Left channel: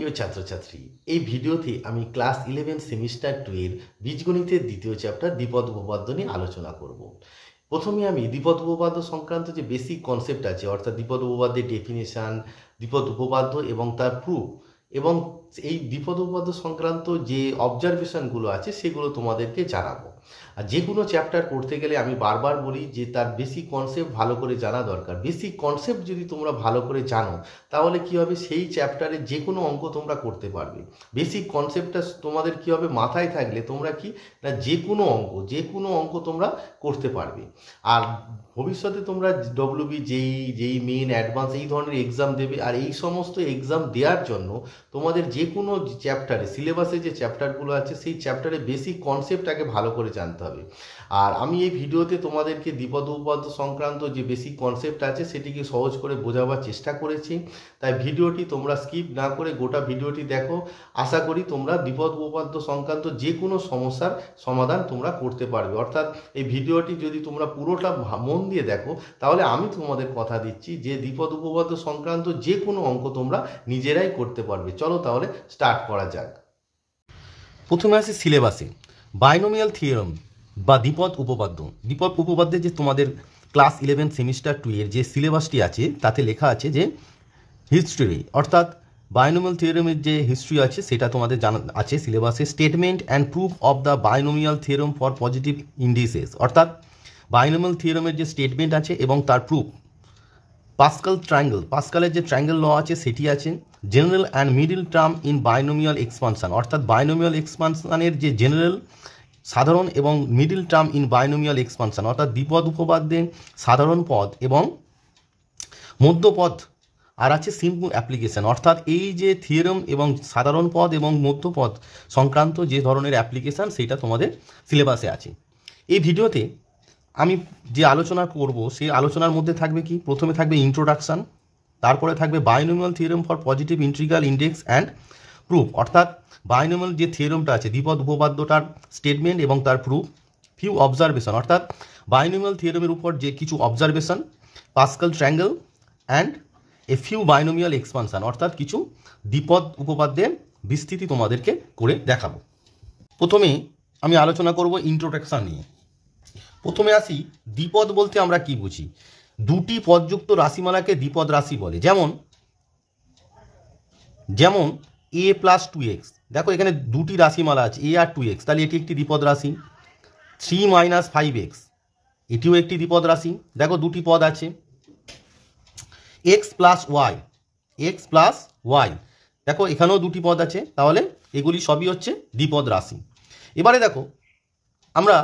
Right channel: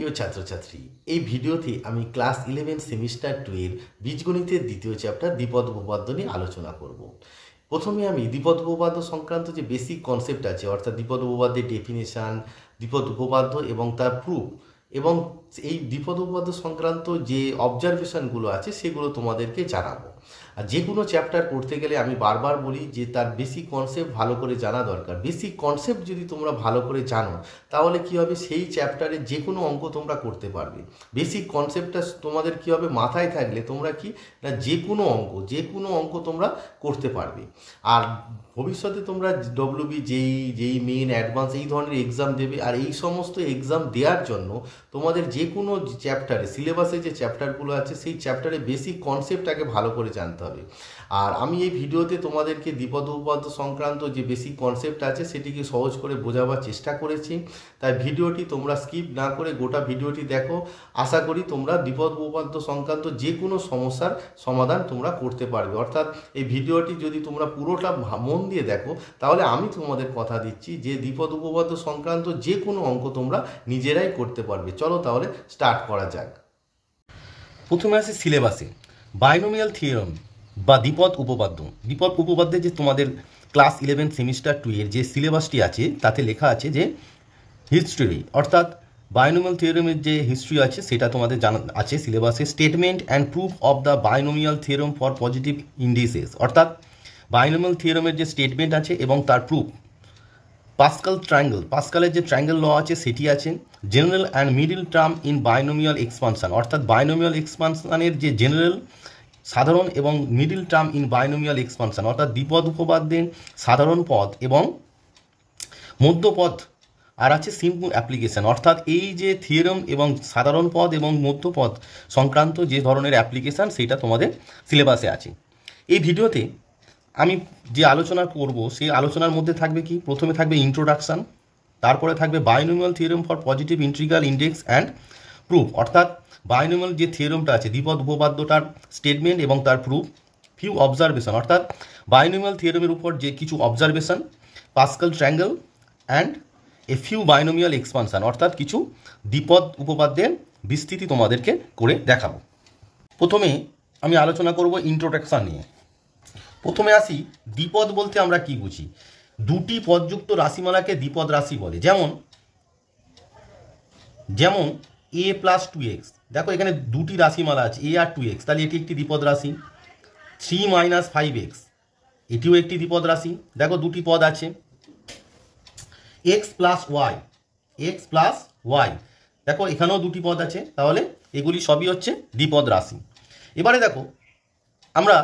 প্রিয় ছাত্রছাত্রী, এই ভিডিওতে আমি ক্লাস 11 সেমিস্টার 2 এর বীজগণিতের দ্বিতীয় চ্যাপ্টার দ্বিপদ উপপাদ্য নিয়ে আলোচনা করব। প্রথমে আমি দ্বিপদ উপপাদ্য সংক্রান্ত যে বেসিক কনসেপ্ট আছে, অর্থাৎ দ্বিপদ উপপাদ্যের ডেফিনেশান, দ্বিপদ উপপাদ্য এবং তার প্রুফ এবং এই দ্বিপদ উপপাদ্য সংক্রান্ত যে অবজারভেশনগুলো আছে সেগুলো তোমাদেরকে জানাবো। আর যে কোনো চ্যাপ্টার করতে গেলে আমি বারবার বলি যে তার বেসিক কনসেপ্ট ভালো করে জানা দরকার। বেসিক কনসেপ্ট যদি তোমরা ভালো করে জানো তাহলে কী হবে, সেই চ্যাপ্টারে যে কোনো অঙ্ক তোমরা করতে পারবে। বেসিক কনসেপ্টটা তোমাদের কী হবে, মাথায় থাকলে তোমরা কি না যে কোনো অঙ্ক তোমরা করতে পারবে। আর ভবিষ্যতে তোমরা ডব্লিউবি, যেই মেইন, অ্যাডভান্স এই ধরনের এক্সাম দেবে। আর এই সমস্ত এক্সাম দেওয়ার জন্য তোমাদের যে কোনো চ্যাপ্টারে, সিলেবাসে যে চ্যাপ্টারগুলো আছে সেই চ্যাপ্টারে বেসিক কনসেপ্টটাকে ভালো করে জানতে হবে। আর আমি এই ভিডিওতে তোমাদেরকে দ্বিপদ উপপাদ্য সংক্রান্ত যে বেসিক কনসেপ্ট আছে সেটিকে সহজ করে বোঝাবার চেষ্টা করেছি। তাই ভিডিওটি তোমরা স্কিপ না করে গোটা ভিডিওটি দেখো। আশা করি তোমরা দ্বিপদ উপপাদ্য সংক্রান্ত যে কোনো সমস্যার সমাধান তোমরা করতে পারবে। অর্থাৎ এই ভিডিওটি যদি তোমরা পুরোটা মন দিয়ে দেখো তাহলে আমি তোমাদের কথা দিচ্ছি যে দ্বিপদ উপপাদ্য সংক্রান্ত যে কোনো অঙ্ক তোমরা নিজেরাই করতে পারবে। চলো তাহলে স্টার্ট করা যাক। প্রথমে আসে সিলেবাসে বাইনোমিয়াল থিওরেম বা দ্বিপদ উপপাদ্য। দ্বিপদ উপপাদ্যে যে তোমাদের ক্লাস 11 সেমিস্টার 2 এর যে সিলেবাসটি আছে তাতে লেখা আছে যে হিস্ট্রি, অর্থাৎ বাইনোমিয়াল থিওরেমের যে হিস্ট্রি আছে সেটা তোমাদের জানা আছে সিলেবাসে। Statement and proof of the binomial theorem for positive indices, অর্থাৎ বাইনোমিয়াল থিওরেমের যে স্টেটমেন্ট আছে এবং তার প্রুফ। পাস্কালের যে ট্রায়াঙ্গেল ল আছে সেটি আছে। General and middle term in binomial expansion, অর্থাৎ বাইনোমিয়াল এক্সপানশনের যে জেনারেল, সাধারণ এবং middle term in binomial expansion, অর্থাৎ দ্বিপদ উপপাদ্যে সাধারণ পদ এবং মধ্যপদ। আর আছে সিম্পল অ্যাপ্লিকেশন, অর্থাৎ এই যে থিওরেম এবং সাধারণ পদ এবং মধ্যপদ সংক্রান্ত যে ধরনের অ্যাপ্লিকেশান সেটা তোমাদের সিলেবাসে আছে। এই ভিডিওতে আমি যে আলোচনা করব সেই আলোচনার মধ্যে থাকবে কি, প্রথমে থাকবে ইন্ট্রোডাকশান, তারপরে থাকবে binomial theorem for positive integral index and proof, অর্থাৎ বাইনোমিয়াল যে থিওরেমটা আছে দ্বিপদ উপপাদ্যটার স্টেটমেন্ট এবং তার প্রুফ। ফিউ অবজারভেশন, অর্থাৎ বাইনোমিয়াল থিওরেমের উপর যে কিছু observation. Pascal triangle and a few binomial expansion, অর্থাৎ কিছু দ্বিপদ উপপাদ্যের বিস্তৃতি তোমাদেরকে করে দেখাবো। প্রথমে আমি আলোচনা করব ইন্ট্রোডাকশান নিয়ে। প্রথমে আসি, দ্বিপদ বলতে আমরা কি বুঝি। দুটি পদযুক্ত রাশিমালাকে দ্বিপদ রাশি বলে। যেমন a প্লাস 2x, দেখো এখানে দুটি রাশিমালা আছে a আর 2x, তাহলে এটি একটি দ্বিপদ রাশি। 3 মাইনাস 5x, এটিও একটি দ্বিপদ রাশি। দেখো দুটি পদ আছে। x প্লাস y, দেখো এখানেও দুটি পদ আছে, তাহলে এগুলি সবই হচ্ছে দ্বিপদ রাশি। এবারে দেখো আমরা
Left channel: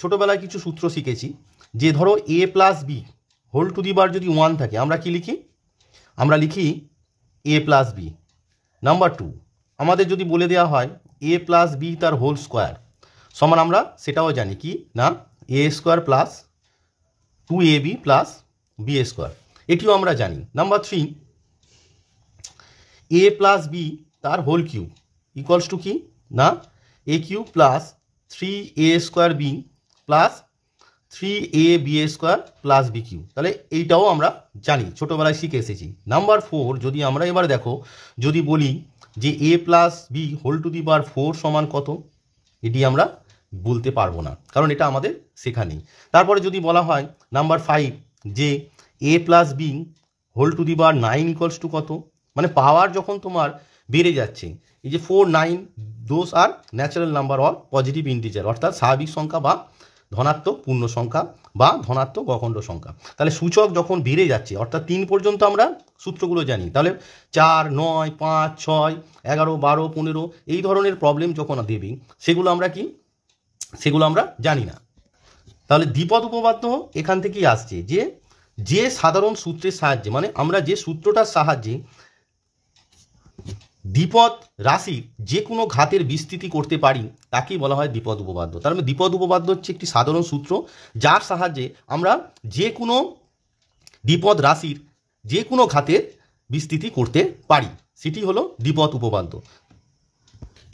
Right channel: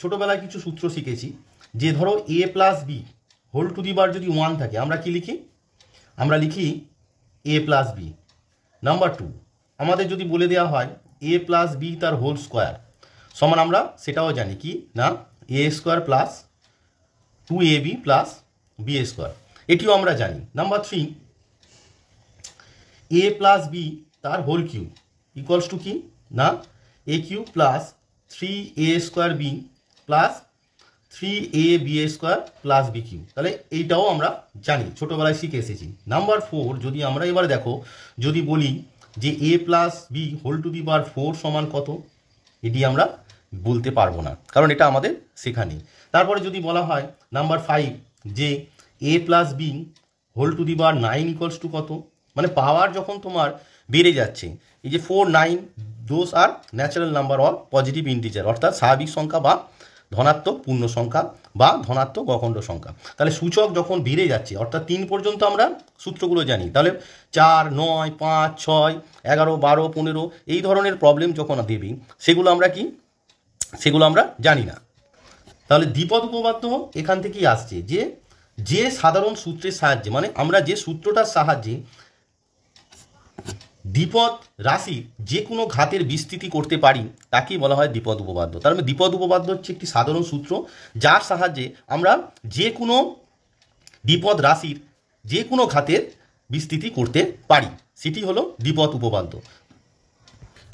ছোটোবেলায় কিছু সূত্র শিখেছি যে ধরো a plus B whole to the বার যদি 1 থাকে আমরা কি লিখি, আমরা লিখি a প্লাস বি। নাম্বার 2, আমাদের যদি বলে দেওয়া হয় a প্লাস বি তার হোল স্কোয়ার সমান, আমরা সেটাও জানি কি না a square plus 2ab plus B square, এটিও আমরা জানি। নাম্বার 3, a প্লাস বি তার হোল কিউব ইকুয়ালস টু কি না a cube plus 3a square B plus 3ab square plus B cube, তাহলে এইটাও আমরা জানি, ছোটোবেলায় শিখে এসেছি। নাম্বার 4, যদি আমরা এবার দেখো যদি বলি যে a plus B whole to the বার 4 সমান কত, এটি আমরা বলতে পারবো না, কারণ এটা আমাদের শেখা নেই। তারপরে যদি বলা হয় নাম্বার 5 যে a plus B whole to the বার 9 ইকুয়ালস টু কত, মানে পাওয়ার যখন তোমার বেড়ে যাচ্ছে, এই যে 4, 9 those are natural number or positive integer, অর্থাৎ স্বাভাবিক সংখ্যা বা ধনাত্মক পূর্ণ সংখ্যা বা ধনাত্মক অখণ্ড সংখ্যা। তাহলে সূচক যখন বেড়ে যাচ্ছে, অর্থাৎ 3 পর্যন্ত আমরা সূত্রগুলো জানি, তাহলে 4, 9, 5, 6, 11, 12, 15 এই ধরনের প্রবলেম যখন দেবে সেগুলো আমরা জানি না। তাহলে দ্বিপদ উপপাদ্য এখান থেকেই আসছে যে সাধারণ সূত্রের সাহায্যে, মানে আমরা যে সূত্রটার সাহায্যে দ্বিপদ রাশি যে কোনো ঘাতের বিস্তৃতি করতে পারি তাকেই বলা হয় দ্বিপদ উপপাদ্য। তার মানে দ্বিপদ উপপাদ্য হচ্ছে একটি সাধারণ সূত্র যার সাহায্যে আমরা যে কোনো দ্বিপদ রাশির যে কোনো ঘাতের বিস্তৃতি করতে পারি, সেটি হলো দ্বিপদ উপপাদ্য।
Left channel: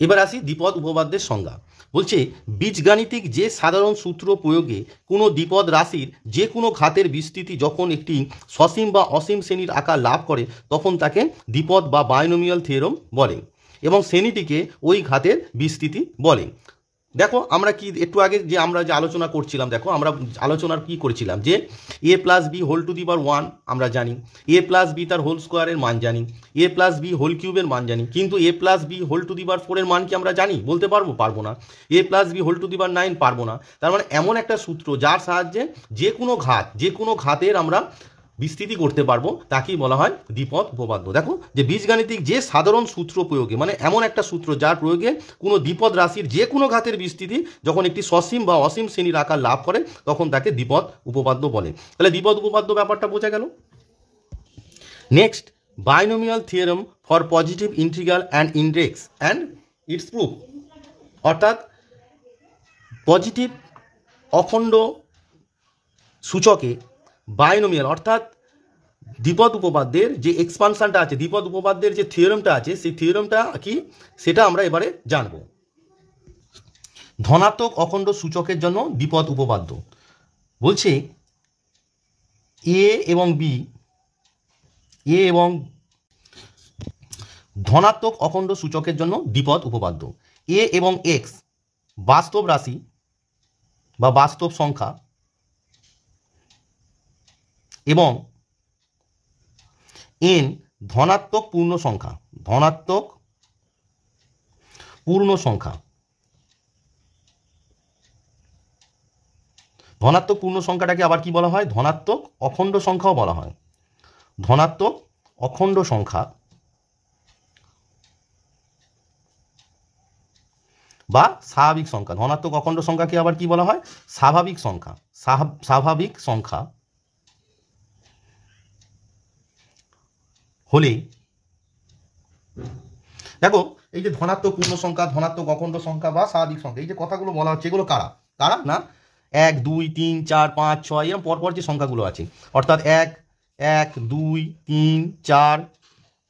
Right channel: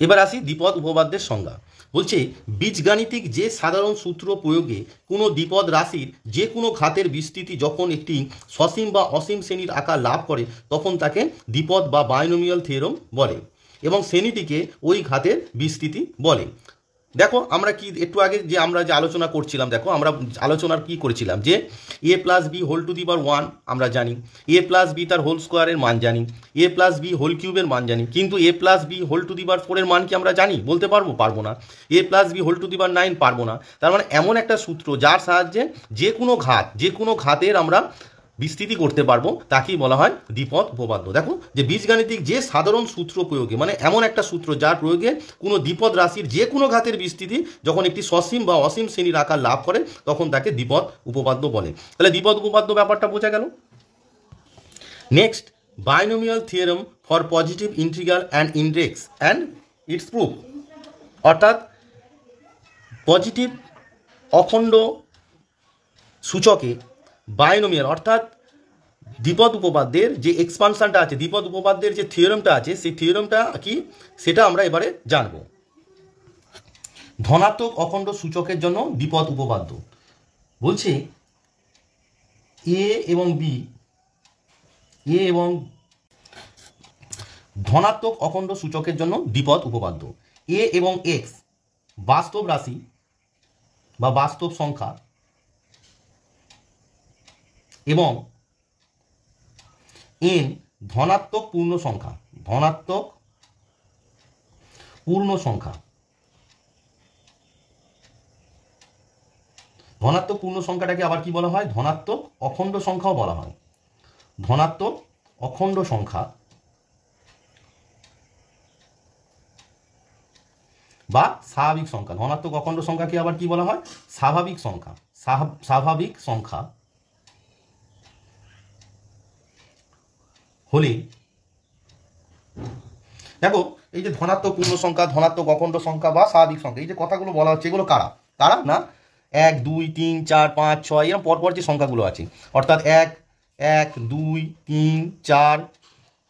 এবার আসি দ্বিপদ উপপাদ্যের সংজ্ঞা। বলছে বীজগাণিতিক যে সাধারণ সূত্র প্রয়োগে কোনো দ্বিপদ রাশির যে কোনো ঘাতের বিস্তৃতি যখন একটি সসীম বা অসীম শ্রেণীর আকার লাভ করে তখন তাকে দ্বিপদ বা বাইনোমিয়াল থিওরেম বলে এবং শ্রেণীটিকে ওই ঘাতের বিস্তৃতি বলে। দেখো আমরা কি একটু আগে যে আমরা যে আলোচনা করছিলাম, দেখো আমরা আলোচনার কি করেছিলাম যে A plus B whole to the power 1 আমরা জানি, এ প্লাস বি তার হোল স্কোয়ারের মান জানি, এ প্লাস বি হোল কিউবের মান জানি, কিন্তু A plus B whole to the power 4 এর মান কি আমরা জানি? বলতে পারবো? পারবো না। এ plus B whole to the power 9 পারবো না। তার মানে এমন একটা সূত্র যার সাহায্যে যে কোনো ঘাতের আমরা বিস্তৃতি করতে পারবো তাকেই বলা হয় দ্বিপদ উপপাদ্য। দেখো যে বীজগাণিতিক যে সাধারণ সূত্র প্রয়োগে, মানে এমন একটা সূত্র যার প্রয়োগে কোনো দ্বিপদ রাশির যে কোনো ঘাতের বিস্তৃতি যখন একটি সসীম বা অসীম শ্রেণীর আকার লাভ করে তখন তাকে দ্বিপদ উপপাদ্য বলে। তাহলে দ্বিপদ উপপাদ্য ব্যাপারটা বোঝা গেল। Next, binomial theorem for positive integral and index and it's proof, অর্থাৎ পজিটিভ অখণ্ড সূচকে বাইনোমিয়াল অর্থাৎ দ্বিপদ উপপাদ্যের যে এক্সপানশনটা আছে, দ্বিপদ উপপাদ্যের যে থিওরেমটা আছে সেই থিওরেমটা কি সেটা আমরা এবারে জানব। ধনাত্মক অখণ্ড সূচকের জন্য দ্বিপদ উপপাদ্য বলছে এ এবং বি, এ এবং ধনাত্মক অখণ্ড সূচকের জন্য দ্বিপদ উপপাদ্য। এ এবং এক্স বাস্তব রাশি বা বাস্তব সংখ্যা এবং এন ধনাত্মক পূর্ণ সংখ্যা, ধনাত্মক পূর্ণ সংখ্যা। ধনাত্মক পূর্ণ সংখ্যাটাকে আবার কি বলা হয়? ধনাত্মক অখণ্ড সংখ্যাও বলা হয়। ধনাত্মক অখণ্ড সংখ্যা বা স্বাভাবিক সংখ্যা। ধনাত্মক অখণ্ড সংখ্যাকে আবার কি বলা হয়? স্বাভাবিক সংখ্যা। স্বাভাবিক সংখ্যা হলে, দেখো এই যে ধনাত্মক পূর্ণ সংখ্যা, ধনাত্মক অখণ্ড সংখ্যা বা স্বাভাবিক সংখ্যা, এই যে কথাগুলো বলা হচ্ছে এগুলো কারা কারা না 1 2 3 4 5 6 এরকম পরপর যে সংখ্যাগুলো আছে, অর্থাৎ 1 1 2 3 4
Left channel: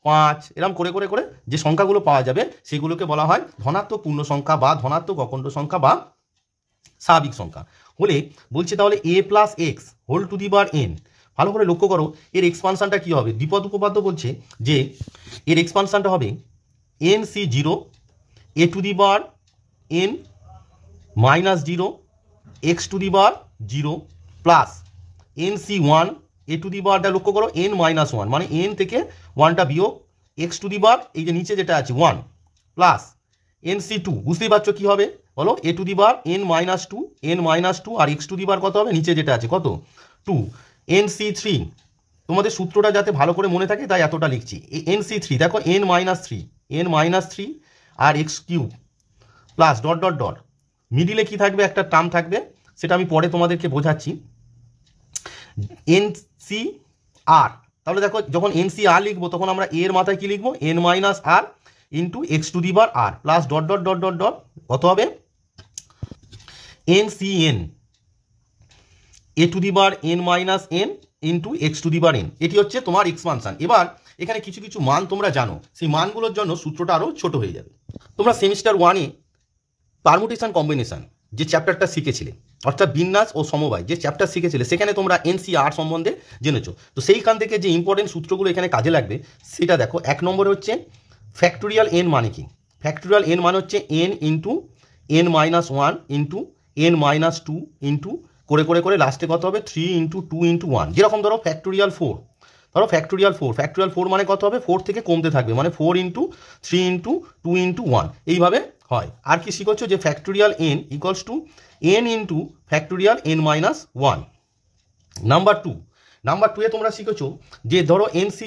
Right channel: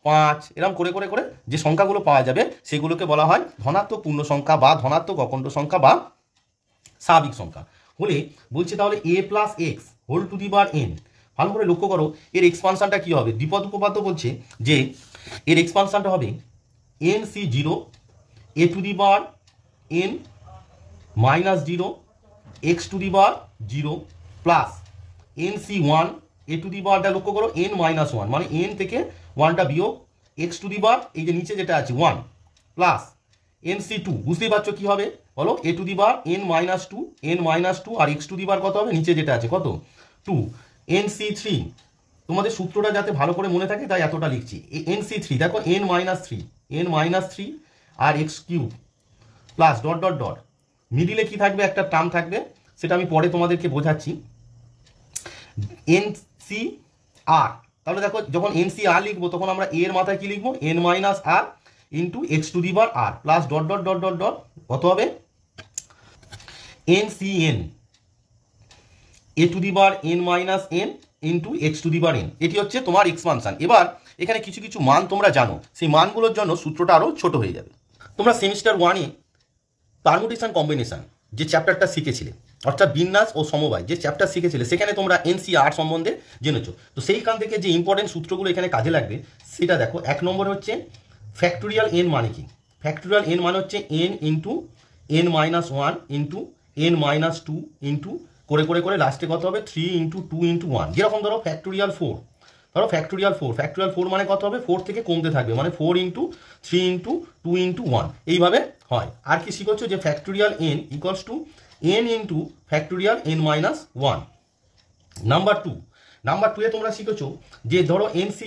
5 এরকম করে করে করে যে সংখ্যাগুলো পাওয়া যাবে সেগুলোকে বলা হয় ধনাত্মক পূর্ণ সংখ্যা বা ধনাত্মক অখণ্ড সংখ্যা বা স্বাভাবিক সংখ্যা হলে। বলছে তাহলে A plus x whole to the power N, ভালো করে লক্ষ্য করো এর এক্সপানশনটা কি হবে? দ্বিপদ উপপাদ্য বলছে যে এর এক্সপানশনটা হবে N C 0 A to the power N minus 0 X to the power 0 plus N C 1 A to the পাওয়ারটা লক্ষ্য করো এন মাইনাস 1, মানে এন থেকে 1টা বিয়োগ এক্স টু দি পাওয়ার এই যে নিচে যেটা আছে 1 প্লাস এন সি 2, বুঝতেই পারছো কি হবে বলো? A to the power N minus 2, N minus 2 আর এক্স টু দি পাওয়ার কত হবে? নিচে যেটা আছে কত 2, এন সি 3। তোমাদের সূত্রটা যাতে ভালো করে মনে থাকে তাই এতটা লিখছি। এন সি 3 দেখো এন মাইনাস 3 আর X cube plus dot dot dot, মিডিলে কি থাকবে? একটা টার্ম থাকবে, সেটা আমি পরে তোমাদেরকে বোঝাচ্ছি। এন সি আর, তাহলে দেখো যখন এন সি আর লিখবো তখন আমরা এর মাথায় কি লিখবো? N minus R into X to the power R plus dot dot dot dot dot কত হবে? N C N A to the power N minus N into X to the power N, এটি হচ্ছে তোমার expansion. এবার এখানে কিছু কিছু মান তোমরা জানো, সেই মানগুলোর জন্য সূত্রটা আরও ছোট হয়ে যাবে। তোমরা সেমিস্টার 1-এ পারমুটেশন কম্বিনেশন যে চ্যাপ্টারটা শিখেছিলে, অর্থাৎ বিন্যাস ও সমবায় যে চ্যাপ্টার শিখেছিলে, সেখানে তোমরা এনসিআর সম্বন্ধে জেনেছো। তো সেইখান থেকে যে ইম্পর্টেন্ট সূত্রগুলো এখানে কাজে লাগবে সেটা দেখো। 1 নম্বর হচ্ছে ফ্যাক্টোরিয়াল এন মানে কি? ফ্যাক্টোরিয়াল এন মানে হচ্ছে N into N minus 1 into N minus 2 into করে করে করে লাস্টে কত হবে? 3 ইন্টু 2 ইন্টু 1। যেরকম ধরো ফ্যাক্টোরিয়াল 4, ধরো ফ্যাক্টোরিয়াল 4 মানে কত হবে? 4 থেকে কমতে থাকবে, মানে 4 ইন্টু 3 ইন্টু 2 ইন্টু 1 এইভাবে হয়। আর কি শিখেছো? যে factorial N equals to N into factorial N minus 1। Number 2 তোমরা শিখেছো যে ধরো এনসি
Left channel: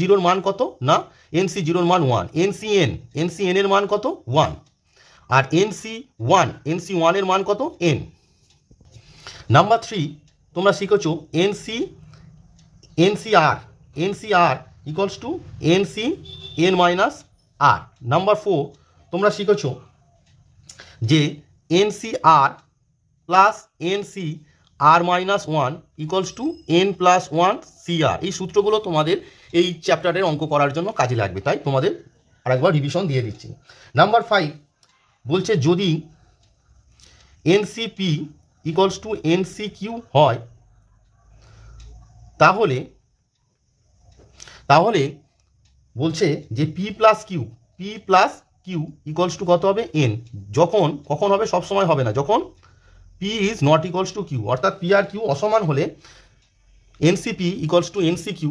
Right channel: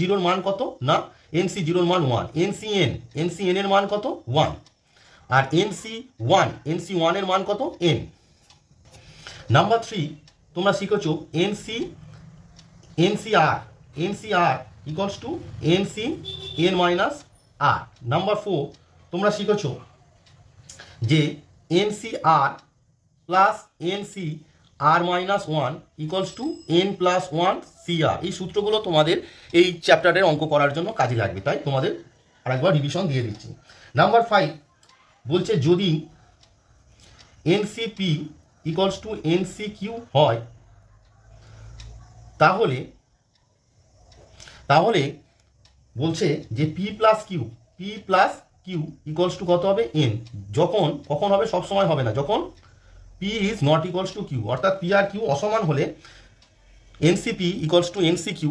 0 মান কত? না এনসি 0 মান 1, এনসি এন এর মান কত? 1, আর এনসি 1 এর মান কত? এন। নাম্বার 3 তোমরা শিখেছো NCR equals to NC N minus R. Number 4 তোমরা শিখেছো যে NCR plus NC R minus 1 equals to N plus 1 CR. এই সূত্রগুলো তোমাদের এই চ্যাপ্টারের অঙ্ক করার জন্য কাজে লাগবে, তাই তোমাদের আরেকবার রিভিশন দিয়ে দিচ্ছি। নাম্বার 5 বলছে যদি এনসিপি ইকুয়ালস টু এনসিকিউ হয় তাহলে তাহলে বলছে যে P plus Q equals to কত হবে এন। কখন হবে, সবসময় হবে না, যখন P is not equals to Q, অর্থাৎ পি আর কিউ অসমান হলে এনসিপি ইকুয়ালস টু এনসিকিউ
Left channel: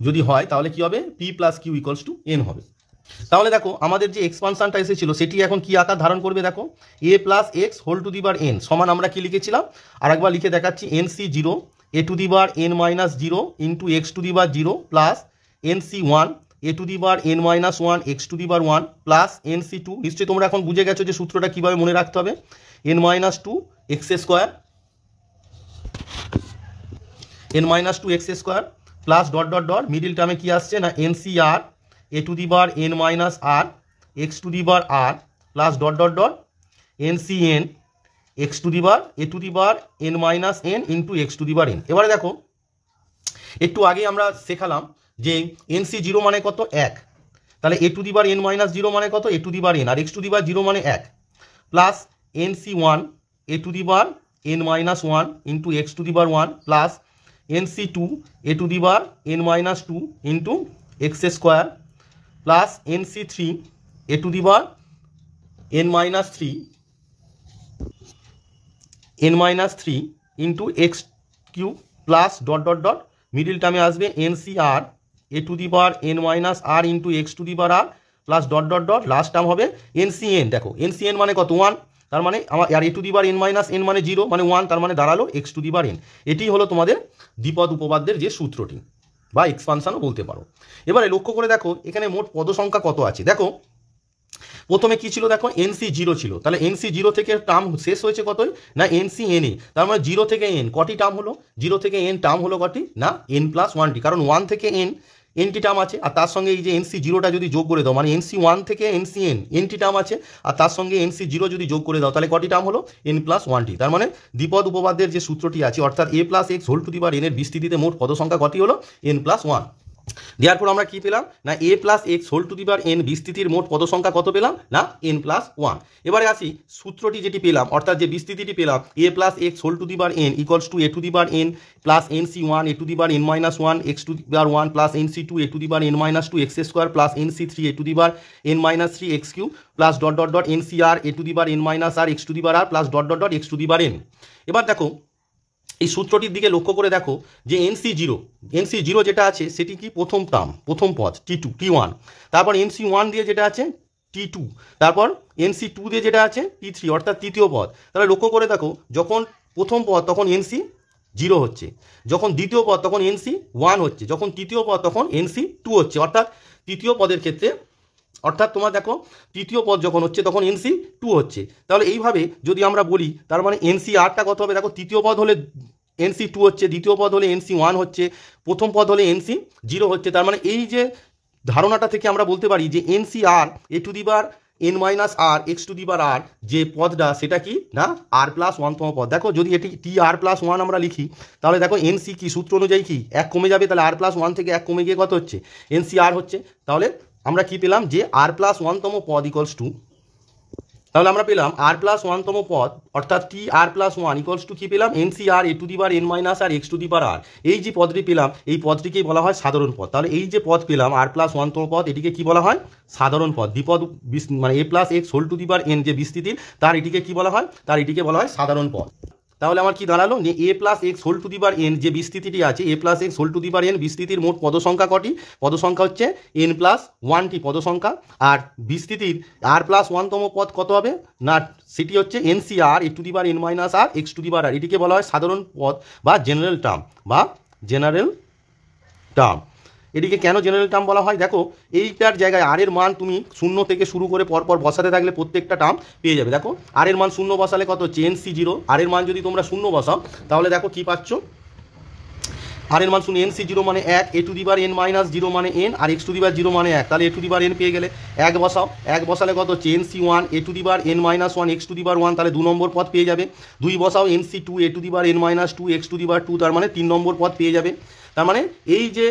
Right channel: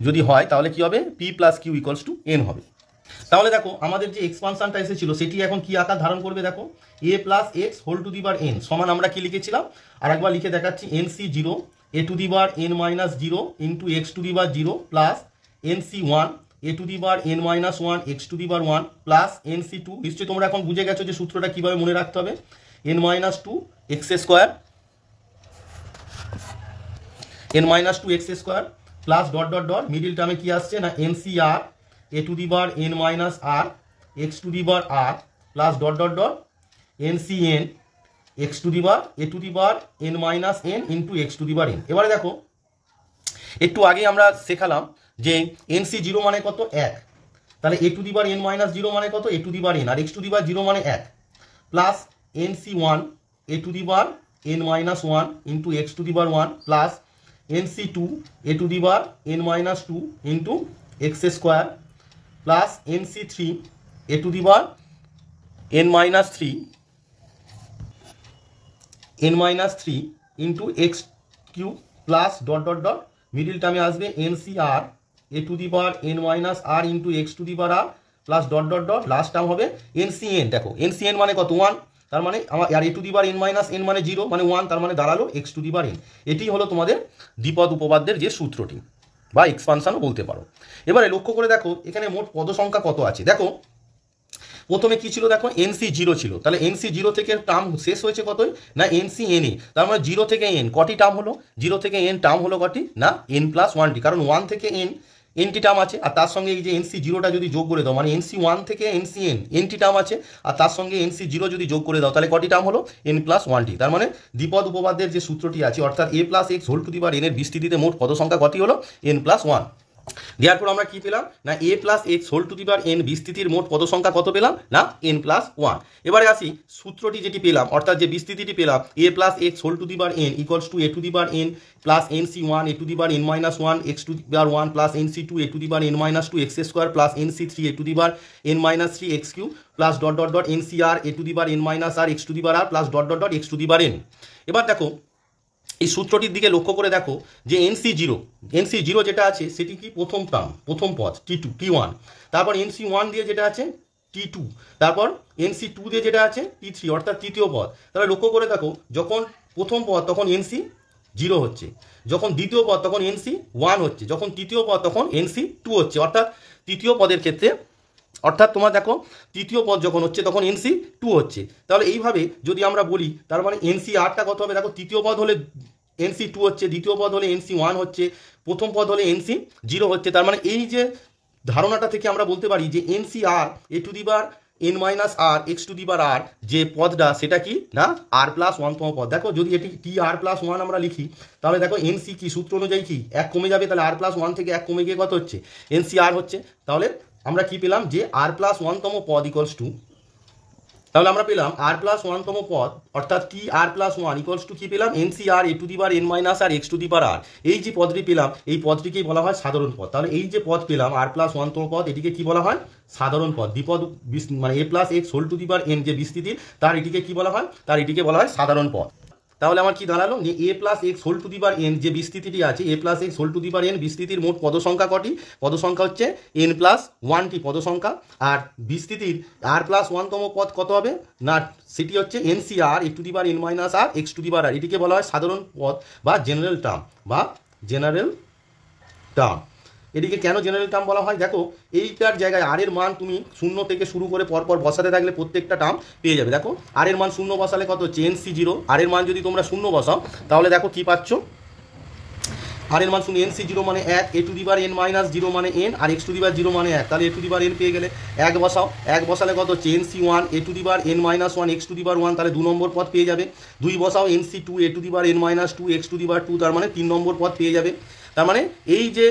যদি হয় তাহলে কি হবে, P plus Q equals to N হবে। তাহলে দেখো আমাদের যে এক্সপানশনটা এসেছিল সেটি এখন কি আকার ধারণ করবে, দেখো এ plus x whole to the bar N সমান আমরা কি লিখেছিলাম, আর একবার লিখে দেখাচ্ছি, NC zero A to the bar N minus zero into X to the বার zero plus NC one A to the bar N minus one x to the bar one plus NC two. নিশ্চয়ই তোমরা এখন বুঝে গেছো যে সূত্রটা কীভাবে মনে রাখতে হবে, N minus two x square plus dot dot dot middle টার্মে কি আসছে না NC R A to the bar N minus R x to the বার R plus dot dot dot NC N X to the বার A to the bar N minus N into X to the bar N. এবারে দেখো একটু আগে আমরা শেখালাম যে NC zero মানে কত, এক, তাহলে A to the bar N minus zero মানে কত, A to the bar N, আর এক্স টু দি বার জিরো মানে এক, plus NC one A to the bar N minus one into X to the bar one plus NC two A to the bar N minus two into X square plus NC three A to the bar N minus three into X cube plus dot dot dot middle টার্মে আসবে NC R A to the bar N minus R into X to the বার R plus dot dot dot last term হবে NC N. দেখো NC N মানে কত, one, তার মানে আমার আর এ to the bar N minus N মানে জিরো মানে ওয়ান, তার মানে দাঁড়ালো X to the bar N. এটি হলো তোমাদের দ্বিপদ উপপাদ্যের যে সূত্রটি বা এক্সপানশনও বলতে পারো। এবারে লক্ষ্য করে দেখো এখানে মোট পদ সংখ্যা কত আছে। দেখো প্রথমে কি ছিল, দেখো এনসি জিরো ছিল, তাহলে এনসি জিরো থেকে টার্ম শেষ হয়েছে কতই না এনসি এন এ, তার মানে জিরো থেকে এন কটি টার্ম হলো, জিরো থেকে এন টার্ম হলো কটি না এন প্লাস ওয়ানটি, কারণ ওয়ান থেকে এনটি টার্ম আছে, আর তার সঙ্গে এই যে এনসি জিরোটা যদি যোগ করে দাও মানে এনসি ওয়ান থেকে এনসি এনটি টার্ম আছে, আর তার সঙ্গে এনসি জিরো যদি যোগ করে দাও তাহলে কটি টার্ম হলো এন প্লাস ওয়ানটি। তার মানে দ্বিপদ উপপাদ্যের যে সূত্রটি আছে অর্থাৎ A plus x whole to the বার এনের বিস্তৃতিতে মোট পদ সংখ্যা কটি হলো এন প্লাস ওয়ান। দেওয়ার আমরা কি পেলাম না এ plus x whole to the bar N বিস্তৃতির মোট পদ সংখ্যা কত পেলাম না এন প্লাস ওয়ান। এবারে আসি সূত্রটি যেটি পেলাম অর্থাৎ যে বিস্তৃতিটি পেলাম এ plus x whole to the bar n equals to A to the bar N plus NC one A to the bar N minus one x to the bar one plus NC two A to the bar N minus two x square plus NC three A to the bar N minus three x cube plus dot dot dot nC R A to the bar N minus R x to the বার R plus dot dot dot X to the bar N. এবার দেখো এই সূত্রটির দিকে লক্ষ্য করে দেখো যে NC zero যেটা আছে সেটি কি প্রথম টার্ম প্রথম পদ টি ওয়ান, তারপর এনসি ওয়ান দিয়ে যেটা আছে টি টু, তারপর এনসি টু দিয়ে যেটা আছে টি থ্রি অর্থাৎ তৃতীয় পদ। তাহলে লক্ষ্য করে দেখো যখন প্রথম পদ তখন এনসি জিরো হচ্ছে, যখন দ্বিতীয় পদ তখন এনসি ওয়ান হচ্ছে, যখন তৃতীয় পদ তখন এনসি টু হচ্ছে, অর্থাৎ তৃতীয় পদের ক্ষেত্রে অর্থাৎ তোমার দেখো তৃতীয় পদ যখন হচ্ছে তখন এনসি টু হচ্ছে। তাহলে এইভাবে যদি আমরা বলি তার মানে এনসি আরটা কত হবে, দেখো তৃতীয় পদ হলে এনসি টু হচ্ছে, দ্বিতীয় পদ হলে এনসি ওয়ান হচ্ছে, প্রথম পদ হলে এনসি জিরো হচ্ছে। তার মানে এই যে ধারণাটা থেকে আমরা বলতে পারি যে NC R A to the bar N minus R x to the বার আর যে পদটা সেটা কি না আর প্লাস ওয়ানতম পদ। দেখো যদি এটি টি আর প্লাস ওয়ান আমরা লিখি তাহলে দেখো এনসি কি সূত্র অনুযায়ী কি এক কমে যাবে, তাহলে আর প্লাস ওয়ান থেকে এক কমে গিয়ে কত হচ্ছে এনসি আর হচ্ছে। তাহলে আমরা কি পেলাম যে আর প্লাস ওয়ানতম পদ ইকুয়ালস টু, তাহলে আমরা পেলাম আর প্লাস ওয়ানতম পদ অর্থাৎ T R plus one equals to কি পেলাম NC R A to the bar N minus R x to the বার আর। এই যে পদটি পেলাম এই পদটিকেই বলা হয় সাধারণ পদ। তাহলে এই যে পদ পেলাম আর প্লাস ওয়ানতম পদ এটিকে কি বলা হয় সাধারণ পদ। দ্বিপদ মানে A plus x whole to the bar N যে বিস্তৃতির তার এটিকে কি বলা হয়, তার এটিকে বলা হয় সাধারণ পদ। তাহলে আমার কি দাঁড়ালো যে A plus x whole to the bar N যে বিস্তৃতিটি আছে A plus x whole to the bar N বিস্তৃতির মোট পদ সংখ্যা কটি, পদ সংখ্যা হচ্ছে এন প্লাস ওয়ানটি পদ সংখ্যা, আর বিস্তৃতির আর প্লাস ওয়ানতম পদ কত হবে না সেটি হচ্ছে NC R A to the bar N minus R x to the বার আর। এটিকে বলা হয় সাধারণ পদ বা জেনারেল টার্ম। এটিকে কেন জেনারেল টার্ম বলা হয়, দেখো এইটার জায়গায় আর এর মান তুমি শূন্য থেকে শুরু করে পরপর বসাতে থাকলে প্রত্যেকটা টার্ম পেয়ে যাবে। দেখো আর এর মান শূন্য বসালে কত হচ্ছে এনসি জিরো, আর এর মান যদি তোমরা শূন্য বসাও তাহলে দেখো কি পাচ্ছ আর এর মান শূন্য এনসি জিরো মানে এক, A to the bar N minus zero মানে এন, আর এক্স টু দি বার জিরো মানে এক, তাহলে A to the bar N পেয়ে গেলে এক বসাও, এক বসালে কত হচ্ছে NC one A to the bar N minus one x to the bar one, তাহলে দু নম্বর পদ পেয়ে যাবে। দুই বসাও NC two A to the bar N minus two X to the বার টু, তার মানে তিন নম্বর পদ পেয়ে যাবে। তার মানে এই যে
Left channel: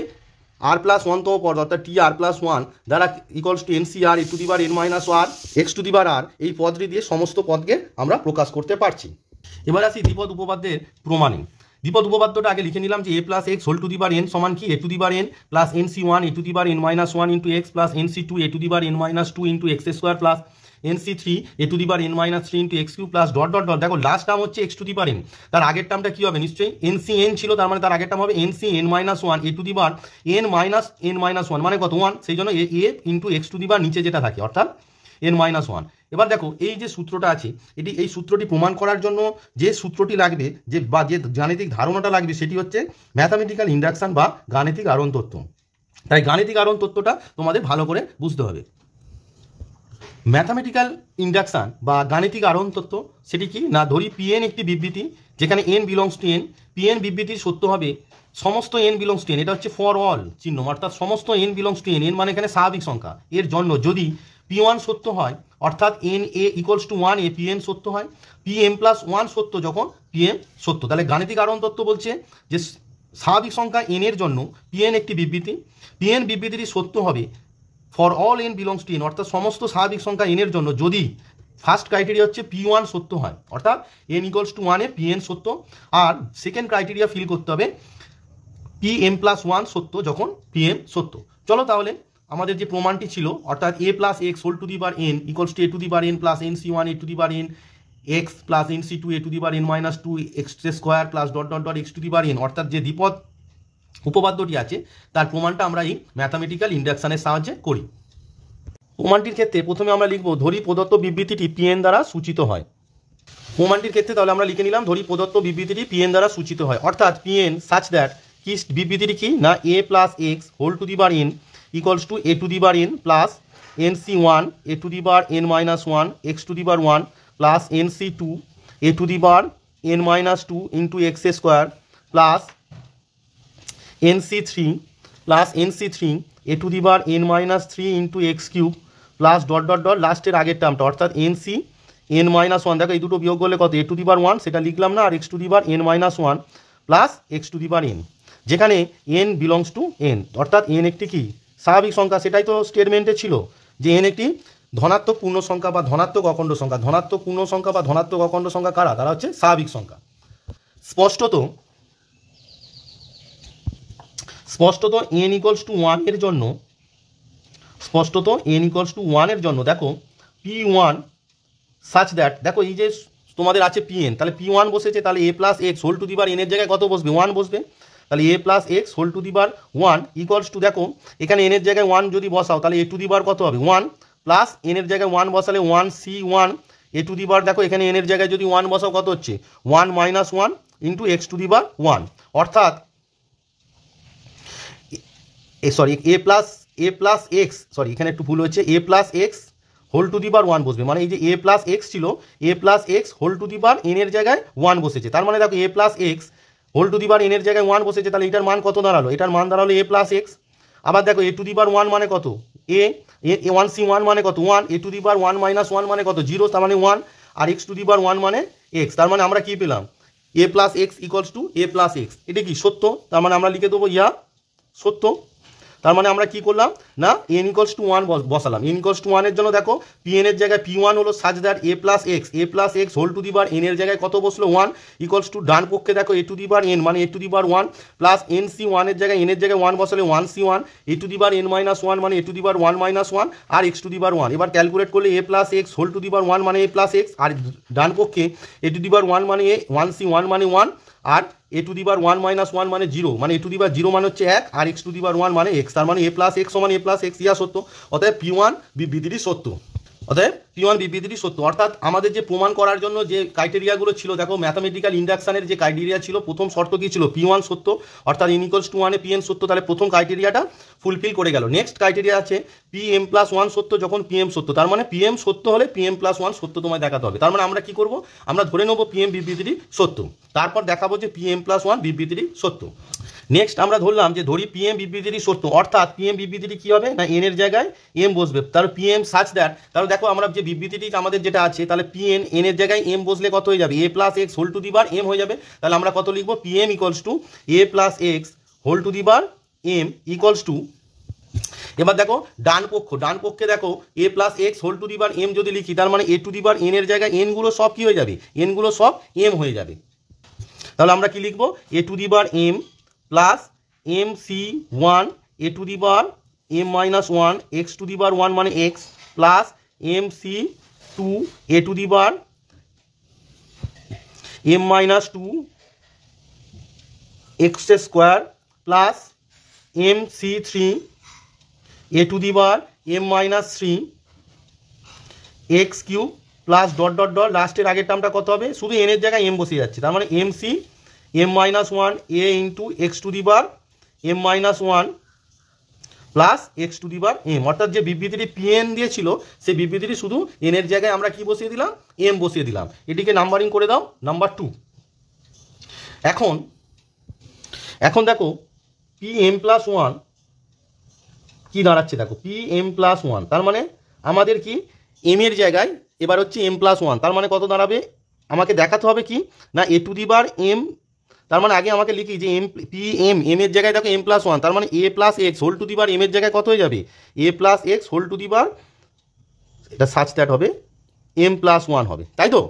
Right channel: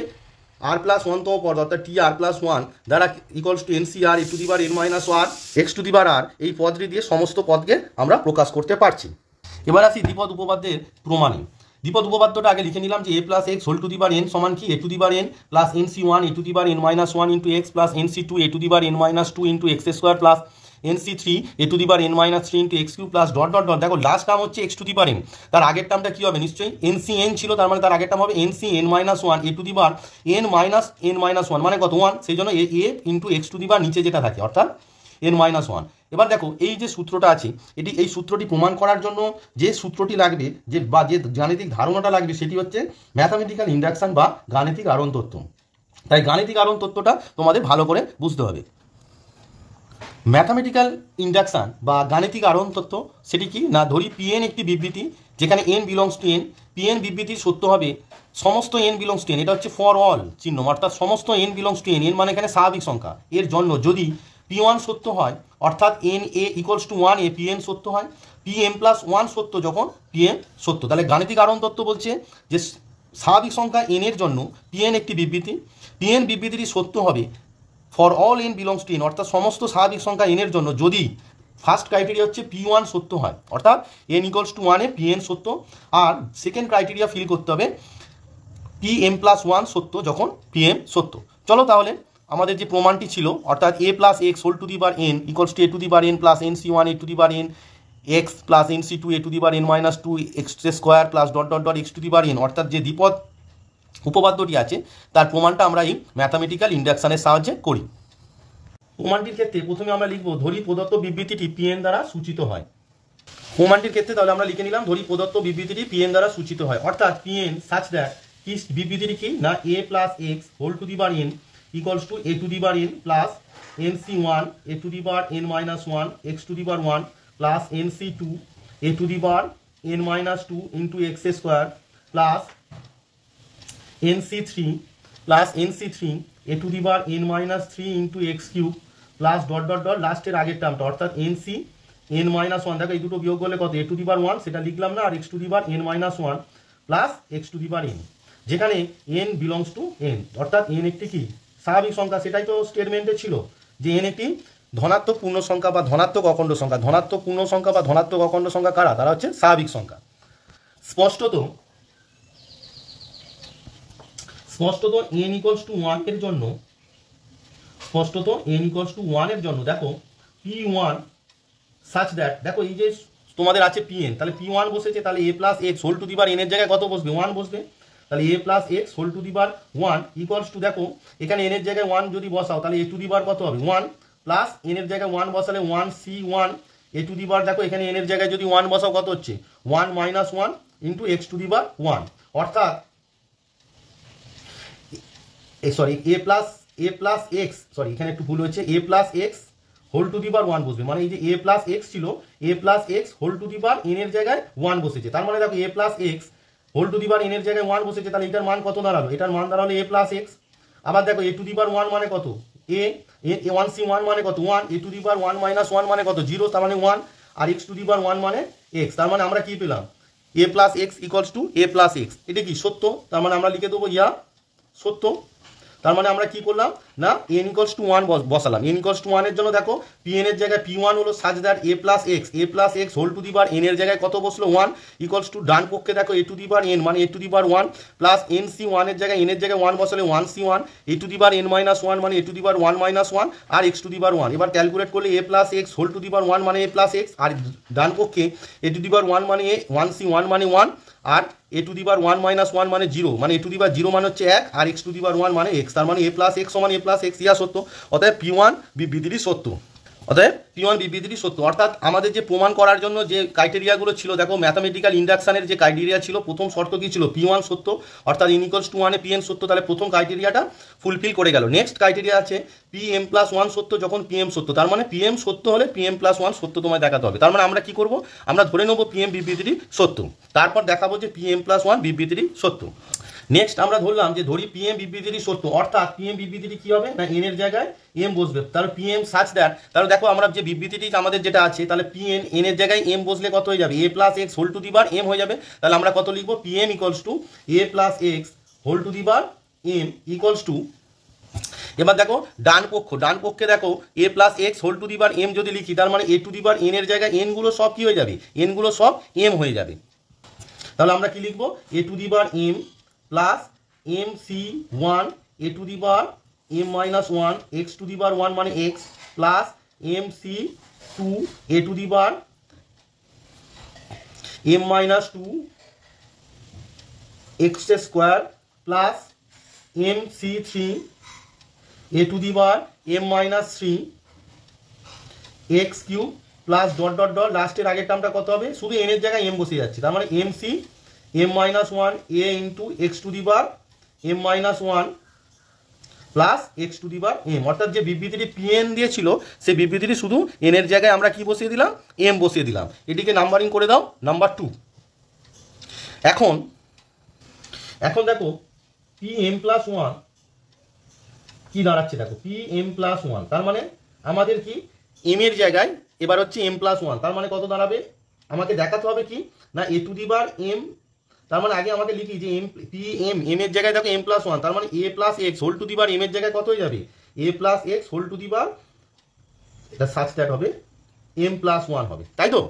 আর প্লাস ওয়ানতম পদ অর্থাৎ টি আর প্লাস ওয়ান দ্বারা equals to NCR to the power N minus R x to the power R, এই পদটি দিয়ে সমস্ত পদকে আমরা প্রকাশ করতে পারছি। এবার আসি দ্বিপদ উপপাদ্যের প্রমাণে। দ্বিপদ উপপাদ্যটা আগে লিখে নিলাম যে A plus x whole to the power N সমান কি A to the power N plus N C one A to the power N minus one into X plus N C two A to the power N minus two into X square plus N C three A to the power N minus three into X cube plus dot dot dot. দেখো last term হচ্ছে X to the power N, তার আগের টার্মটা কি হবে নিশ্চয়ই N C N ছিল, তার মানে তার আগের টার্ম হবে N C N minus one A to the power N minus one মানে কত ওয়ান, সেই জন্য A into X to the power নিচে যেটা থাকে অর্থাৎ এন মাইনাস ওয়ান। এবার দেখো এই যে সূত্রটা আছে এই সূত্রটি প্রমাণ করার জন্য যে সূত্রটি লাগবে যে গাণিতিক ধারণাটা লাগবে সেটি হচ্ছে ম্যাথামেটিক্যাল ইন্ডাকশন বা গাণিতিক আরোহণ তত্ত্ব। তাই গাণিতিক আরোহণ তত্ত্বটা তোমাদের ভালো করে বুঝতে হবে। ম্যাথামেটিক্যাল ইন্ডাকশন বা গাণিতিক আরোহণ তত্ত্ব সেটি কি না, ধরি পিএন একটি বিবৃতি যেখানে N belongs to N, PN বিবৃতি সত্য হবে সমস্ত এন বিলংস টু এন, এটা হচ্ছে ফর অল চিহ্ন অর্থাৎ সমস্ত N belongs to N, N মানে এখানে স্বাভাবিক সংখ্যা, এর জন্য যদি পি ওয়ান সত্য হয় অর্থাৎ N A equals to one A PN সত্য হয়, পি এম প্লাস ওয়ান সত্য যখন পিএম সত্য। তাহলে গাণিতিক আরোহণ তত্ত্ব বলছে যে স্বাভাবিক সংখ্যা এন এর জন্য পিএন একটি বিবৃতি, পিএন বিবৃতিটি সত্য হবে for all n belongs to N অর্থাৎ সমস্ত স্বাভাবিক সংখ্যা এন এর জন্য যদি ফার্স্ট ক্রাইটেরিয়া হচ্ছে পি ওয়ান সত্য হয় অর্থাৎ N equals to one A PN সত্য, আর সেকেন্ড ক্রাইটেরিয়া ফিল করতে হবে পি এম প্লাস ওয়ান সত্য যখন পিএম সত্য। চলো তাহলে আমাদের যে প্রমাণটি ছিল অর্থাৎ A plus x whole to the power N equals to A to the power N plus N C one A to the power N X plus N C two A to the power N minus two x square plus dot dot dot X to the power N অর্থাৎ যে দ্বিপদ উপপাদ্যটি আছে তার প্রমাণটা আমরা এই mathematical ইন্ডাকশনের সাহায্যে করি। প্রমাণটির ক্ষেত্রে প্রথমে আমরা লিখব ধরি প্রদত্ত বিবৃতিটি পিএন দ্বারা সূচিত হয়। প্রমাণটির ক্ষেত্রে তাহলে আমরা লিখে নিলাম ধরি প্রদত্ত বিবৃতিটি পিএন দ্বারা সূচিত হয় অর্থাৎ পিএন সাচ দ্যাট কি বিবৃতিটি কি না এ plus x whole to the power N equals to A to the power N plus N C one A to the power N minus one x to the power one plus N C two A to the power N minus two into X square plus N C three A to the power N minus three into X cube plus dot dot dot লাস্টের আগের টার্মটা অর্থাৎ N C N minus one. দেখো এই দুটো বিয়োগ করলে কত A to the power one সেটা লিখলাম না, আর x to the power N minus one plus x to the power N, যেখানে এন বিলংস টু এন অর্থাৎ এন একটি কি স্বাভাবিক সংখ্যা, সেটাই তো স্টেটমেন্টে ছিল যে এন একটি ধনাত্মক পূর্ণ সংখ্যা বা ধনাত্মক অখণ্ড সংখ্যা। ধনাত্মক পূর্ণ সংখ্যা বা ধনাত্মক অখণ্ড সংখ্যা কারা, তারা হচ্ছে স্বাভাবিক সংখ্যা। স্পষ্টত এন ইকুয়ালস টু ওয়ান এর জন্য দেখো পি ওয়ান সাচ দ্যাট, দেখো এই যে তোমাদের আছে পিএন, তাহলে পি ওয়ান বসেছে, তাহলে A plus x whole to the power N এর জায়গায় কত বসবে ওয়ান বসবে, তাহলে A plus x whole to the power one equals to দেখো এখানে এন এর জায়গায় ওয়ান যদি বসাও তাহলে এ টু দি পাওয়ার কত হবে ওয়ান প্লাস এন এর জায়গায় ওয়ান বসালে one C one A to the power, দেখো এখানে এন এর জায়গায় যদি ওয়ান বসাও কত হচ্ছে one minus one into X to the power one অর্থাৎ এ প্লাস এক্স এখানে একটু ভুল হচ্ছে A plus x whole to the power one বসবে, মানে এই যে এ প্লাস এক্স ছিল A plus x whole to the power N এর জায়গায় ওয়ান বসেছে, তার মানে দেখো এ plus x whole to the power N এর জায়গায় ওয়ান বসেছে, তাহলে এটার মান কত দাঁড়ালো, এটার মান দাঁড়ালো এ প্লাস এক্স। আবার দেখো A to the power one মানে কত এ ওয়ান সি ওয়ান মানে কত one, A to the power one minus one মানে কত জিরো, তার মানে ওয়ান, আর x to the power one মানে এক্স, তার মানে আমরা কি পেলাম এ plus X equals to A plus X, এটা কি সত্য, তার মানে আমরা লিখে দেবো ইয়া সত্য। তার মানে আমরা কি করলাম না এন ইকুয়ালস টু ওয়ান বসালাম, এন ইকুয়ালস টু ওয়ানের জন্য দেখো পি এন এর জায়গায় পি ওয়ান হলো such that A plus x whole to the power N এর জায়গায় কত বসলো ওয়ান ইকুয়ালস টু ডান পক্ষে দেখো A to the power N মানে A to the power one plus N C ওয়ানের জায়গায় এন এর জায়গায় ওয়ান বসালে one C one A to the power N minus one মানে A to the power one minus one আর x to the power one. এবার calculate করলে A plus x whole to the power one মানে A plus x, আর ডান পক্ষে এ to the power one মানে A one C one মানে one, আর এ to the power one minus one মানে zero, মানে A to the power zero মানে হচ্ছে এক, আর x to the power one মানে এক্স, তার মানে এ প্লাস এক্স সমান এ প্লাস এক্স ইয়া সত্য। অতএব পি ওয়ান বিবৃতিটি সত্য, অর্থাৎ আমাদের যে প্রমাণ করার জন্য যে ক্রাইটেরিয়াগুলো ছিল দেখো ম্যাথামেটিক্যাল ইন্ডাকশনের যে ক্রাইটেরিয়া ছিল প্রথম শর্ত কি ছিল পি ওয়ান সত্য অর্থাৎ এন ইকুয়ালস টু ওয়ানে পি এন সত্য, তাহলে প্রথম ক্রাইটেরিয়াটা ফুলফিল করে গেল। নেক্সট ক্রাইটেরিয়া আছে পি এম প্লাস ওয়ান সত্য যখন পি এম সত্য, তার মানে পি এম সত্য হলে পি এম প্লাস ওয়ান সত্য তোমায় দেখাতে হবে, তার মানে আমরা কি করব আমরা ধরে নেবো পি এম বিবৃতিটি সত্য, তারপর দেখাবো যে পি এম প্লাস ওয়ান বিবৃতিটি সত্য। নেক্সট আমরা ধরলাম যে ধরি পি এম বিবৃতিটি সত্য অর্থাৎ পি এম বিবৃতিটি কি হবে না এন এর জায়গায় এম বসবে, তাহলে পি এম সাচ দ্যাট, তাহলে দেখো আমরা যে বিবৃতিটি আমাদের যেটা আছে তাহলে পি এন এন এর জায়গায় এম বসলে কত হয়ে যাবে A plus x whole to the power M হয়ে যাবে, তাহলে আমরা কত লিখবো P M equals to A plus x whole to the power M equals to, এবার দেখো ডান পক্ষে দেখো এ plus x whole to the bar M যদি লিখি, তার মানে A to the bar N এর জায়গায় এনগুলো সব কি হয়ে যাবে, এনগুলো সব এম হয়ে যাবে। তাহলে আমরা কি লিখবো, A to the bar M plus M C one A to the bar M minus one x to the bar one মানে X plus M C two A to the bar M minus two x square plus M C three A to the bar M minus three X cube plus dot dot dot লাস্টের আগের টার্মটা কত হবে, শুধু N এর জায়গায় M বসে যাচ্ছে, তার মানে M C M minus one A into X to the bar M minus one plus x to the bar M, অর্থাৎ যে বিবৃতিটি পিএন দিয়েছিল সেই বিবৃতিটি শুধু এন এর জায়গায় আমরা কি বসিয়ে দিলাম, এম বসিয়ে দিলাম। এটিকে নাম্বারিং করে দাও নাম্বার 2। এখন দেখো পি এম প্লাস ওয়ান কি দাঁড়াচ্ছে, দেখো পি এম প্লাস ওয়ান, তার মানে আমাদের কি এম এর জায়গায় এবার হচ্ছে এম প্লাস ওয়ান, তার মানে কত দাঁড়াবে, আমাকে দেখাতে হবে কি না a to the bar M, তার মানে আগে আমাকে লিখি যে এম পি এম এম এর জায়গায় দেখো এম প্লাস ওয়ান, তার মানে A plus x whole to the bar M এর জায়গায় কত হয়ে যাবে, A plus x whole to the bar, এটা সাচ দ্যাট হবে এম প্লাস ওয়ান হবে, তাই তো।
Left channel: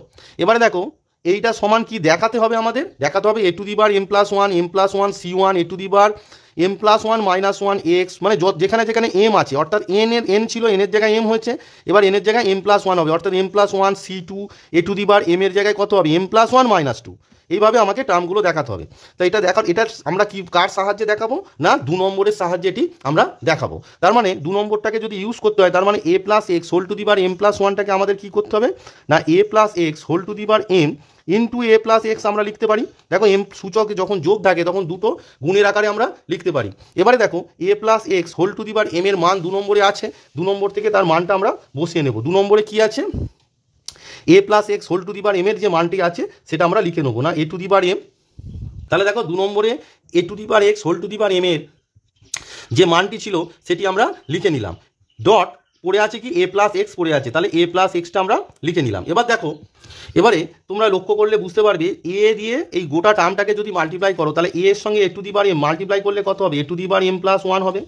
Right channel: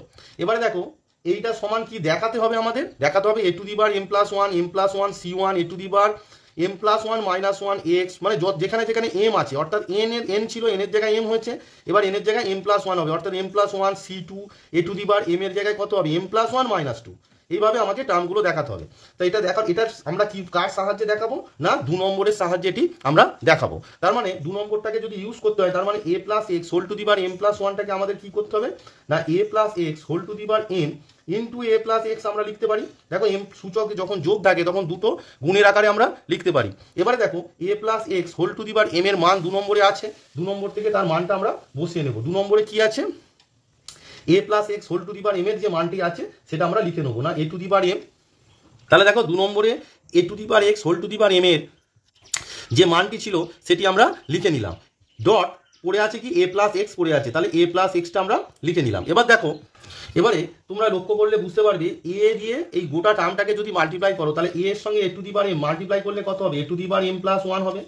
এবারে দেখো এইটা সমান কি দেখাতে হবে, আমাদের দেখাতে হবে A to the bar M plus one C one A to the bar M plus one minus one X, মানে যেখানে যেখানে এম আছে, অর্থাৎ এন ছিল এন এর জায়গায় এম হয়েছে, এবার এন এর জায়গায় এম প্লাস ওয়ান হবে, অর্থাৎ M plus one C two A to the bar M এর জায়গায় কত হবে, M plus one minus two. এইভাবে আমাকে টার্মগুলো দেখাতে হবে। তো এটা আমরা কি কার সাহায্যে দেখাবো না 2 নম্বরের সাহায্যে এটি আমরা দেখাবো। তার মানে 2 নম্বরটাকে যদি ইউজ করতে হয়, তার মানে A plus x whole to the bar M plus ওয়ানটাকে আমাদের কি করতে হবে না এ plus x whole to the bar M into A plus X আমরা লিখতে পারি। দেখো এম সূচক যখন যোগ থাকে তখন দুটো গুণের আকারে আমরা লিখতে পারি। এবারে দেখো এ plus x whole to the bar M এর মান 2 নম্বরে আছে, 2 নম্বর থেকে তার মানটা আমরা বসিয়ে নেব। 2 নম্বরে কি আছে, A plus x whole to the bar M এর যে মানটি আছে সেটা আমরা লিখে নেবো না a to the bar M. তাহলে দেখো 2 নম্বরে A to the bar x whole to the bar M এর যে মানটি ছিল সেটি আমরা লিখে নিলাম, ডট পড়ে আছে কি এ প্লাস এক্স পড়ে আছে, তাহলে এ প্লাস এক্সটা আমরা লিখে নিলাম। এবার দেখো এবারে তোমরা লক্ষ্য করলে বুঝতে পারবে এ দিয়ে এই গোটা টার্মটাকে যদি মাল্টিপ্লাই করো তাহলে এ এর সঙ্গে A to the bar M multiply করলে কত হবে, A to the bar M plus one হবে,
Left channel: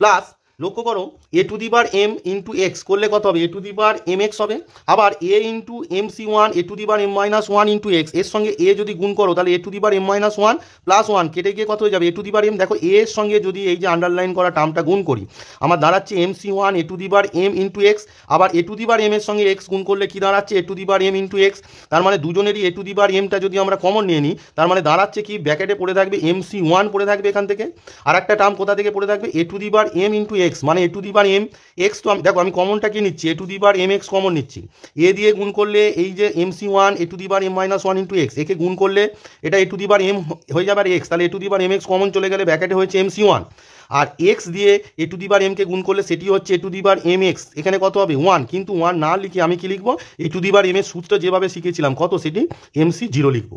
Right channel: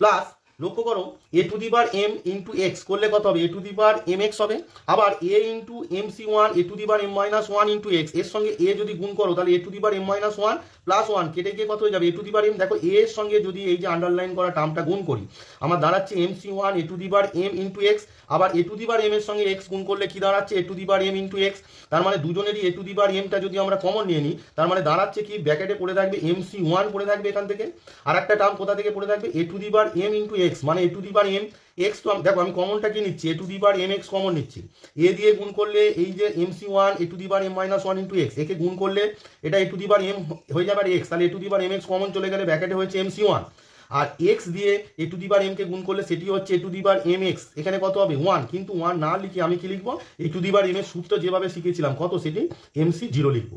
প্লাস লক্ষ্য করো A to the bar M into X করলে কত হবে, A to the bar M X হবে, আবার A into M C one A to the bar M minus one into X, এর সঙ্গে এ যদি গুণ করো তাহলে A to the bar M minus one plus one কেটে গিয়ে কত হয়ে যাবে, এ টু দি বার এম। দেখো এ এর সঙ্গে যদি এই যে আন্ডারলাইন করা টার্মটা গুণ করি আমার দাঁড়াচ্ছে M C one A to the bar M into X, আবার A to the bar M এর সঙ্গে এক্স গুণ করলে কি দাঁড়াচ্ছে A to the bar M into X, তার মানে দুজনেরই এ টু দি বার এমটা যদি আমরা কমন নিয়ে নিই তার মানে দাঁড়াচ্ছে কি ব্র্যাকেটে পড়ে থাকবে এম সি ওয়ান পড়ে থাকবে এখান থেকে, আর একটা টার্ম কোথা থেকে পড়ে থাকবে A to the bar M into x, মানে A to the bar M X, তো দেখো আমি কমনটা কি নিচ্ছি A to the bar M X common নিচ্ছি, এ দিয়ে গুণ করলে এই যে M C one A to the bar M minus one into X, একে গুণ করলে এটা A to the bar M হয়ে যাবে আর এক্স, তাহলে A to the bar M X common চলে গেলে ব্র্যাকেটে হয়েছে এম সি ওয়ান, আর এক্স দিয়ে এ টু দি বার এমকে গুণ করলে সেটি হচ্ছে A to the bar M X, এখানে কত হবে ওয়ান, কিন্তু ওয়ান না লিখে আমি কি লিখবো A to the bar M এর সূত্র যেভাবে শিখেছিলাম কত সেটি এম সি জিরো লিখবো।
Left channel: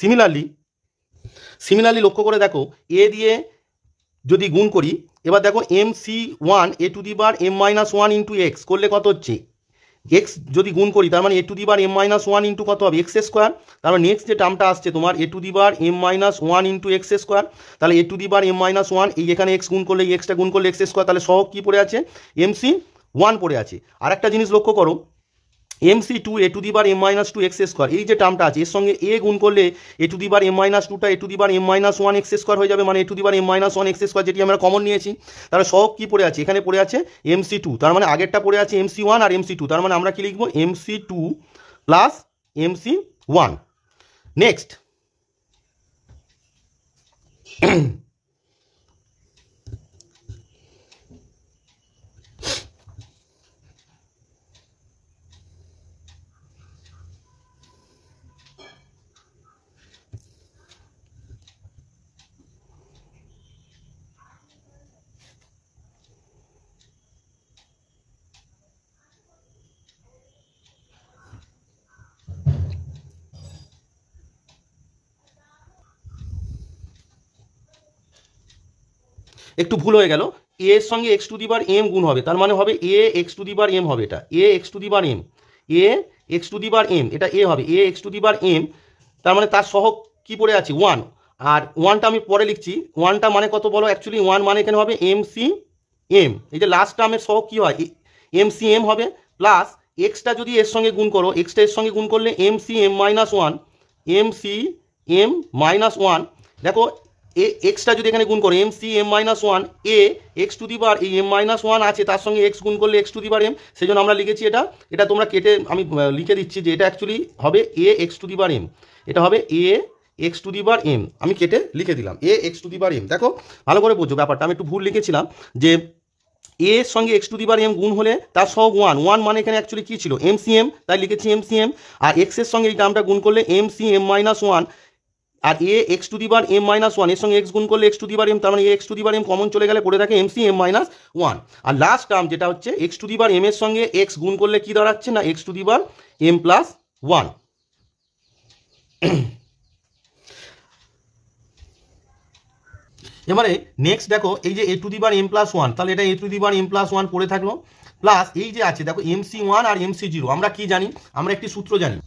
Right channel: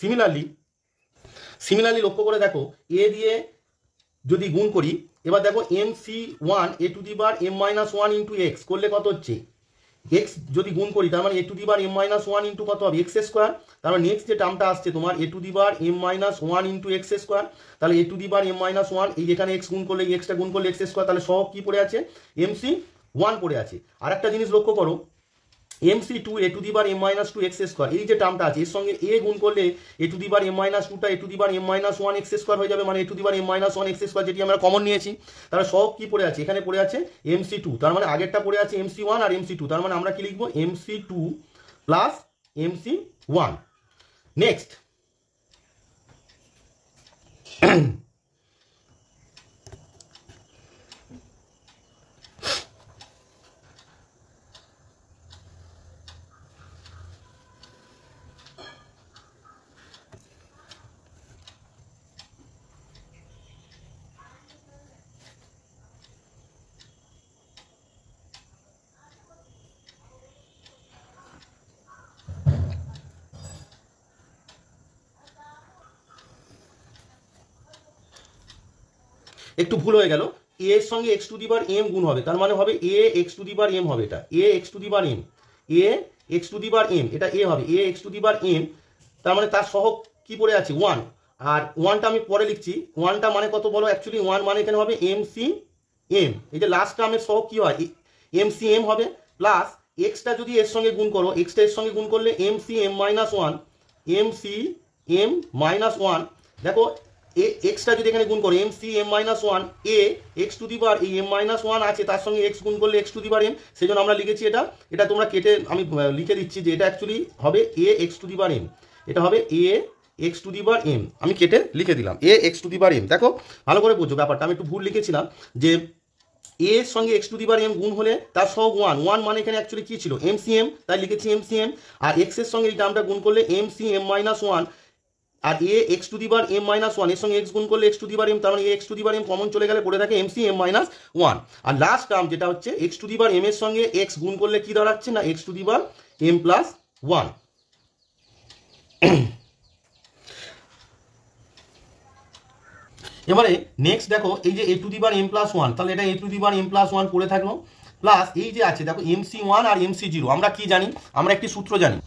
সিমিলারলি লক্ষ্য করে দেখো এ দিয়ে যদি গুণ করি, এবার দেখো M C one A to the bar M minus one into X করলে কত হচ্ছে এক্স যদি গুণ করি তার মানে A to the bar M minus one into কত হবে এক্স স্কোয়ার, তার মানে নেক্সট যে টার্মটা আসছে তোমার A to the bar M minus one into X square, তাহলে A to the bar M minus one এই এখানে এক্স গুণ করলে এক্সটা গুণ করলে এক্স স্কোয়ার, তাহলে সহ কি পড়ে আছে এম সি ওয়ান পড়ে আছে। আর একটা জিনিস লক্ষ্য করো M C two A to the bar M minus two x square, এই যে টার্মটা আছে এর সঙ্গে এ গুণ করলে A to the bar M minus টুটা A to the bar M minus one X square হয়ে যাবে, মানে A to the bar M minus one X square যেটি আমরা কমন নিয়েছি, তাহলে সব কি পড়ে আছে এখানে পড়ে আছে এম সি টু, তার মানে আগেরটা পড়ে আছে এম সি ওয়ান আর এম সি টু, তার মানে আমরা কি লিখবো M C two plus M C one. Next একটু ভুল হয়ে গেল, এ এর সঙ্গে X to the bar M গুণ হবে, তার মানে হবে A x to the bar M হবে, এটা A x to the bar M, A x to the bar M এটা এ হবে A x to the bar M, তার মানে তার সহ কি পড়ে আছে ওয়ান, আর ওয়ানটা আমি পরে লিখছি, ওয়ানটা মানে কত বলো, অ্যাকচুয়ালি ওয়ান মানে এখানে হবে এম সি এম, এই যে লাস্ট টার্মের সহ কী হয় এম সি এম হবে, প্লাস এক্সটা যদি এর সঙ্গে গুণ করো, এক্সটা এর সঙ্গে গুণ করলে M C M minus one, M C M minus one, দেখো এক্সটা যদি এখানে গুণ করো M C M minus one, A x to the bar, এই এম মাইনাস ওয়ান আছে তার সঙ্গে এক্স গুণ করলে X to the bar M, সেই জন্য আমরা লিখেছি এটা, এটা তোমরা কেটে আমি লিখে দিচ্ছি যে এটা অ্যাকচুয়ালি হবে A x to the bar M, এটা হবে A x to the bar M, আমি কেটে লিখে দিলাম A x to the bar M. দেখো ভালো করে বোঝো ব্যাপারটা, আমি একটু ভুল লিখেছিলাম যে এ এর সঙ্গে X to the bar M গুণ হলে তার সহ ওয়ান, ওয়ান মানে এখানে অ্যাকচুয়ালি কী ছিল এম সি এম, তাই লিখেছি এম সি এম, আর এক্স এর সঙ্গে এই টার্মটা গুণ করলে M C M minus one, আর A x to the bar M minus one এর সঙ্গে এক্স গুণ করলে X to the bar M, তার মানে A x to the bar M common চলে গেলে পড়ে থাকে M C M minus one, আর লাস্ট টার্ম যেটা হচ্ছে X to the bar M এর সঙ্গে এক্স গুণ করলে কী দাঁড়াচ্ছে না X to the bar M plus one. এবারে নেক্সট দেখো এই যে A to the bar M plus one, তাহলে এটা A to the bar M plus one পড়ে থাকলো, প্লাস এই যে আছে দেখো এম সি ওয়ান আর এম সি জিরো, আমরা কি জানি, আমরা একটি সূত্র জানি,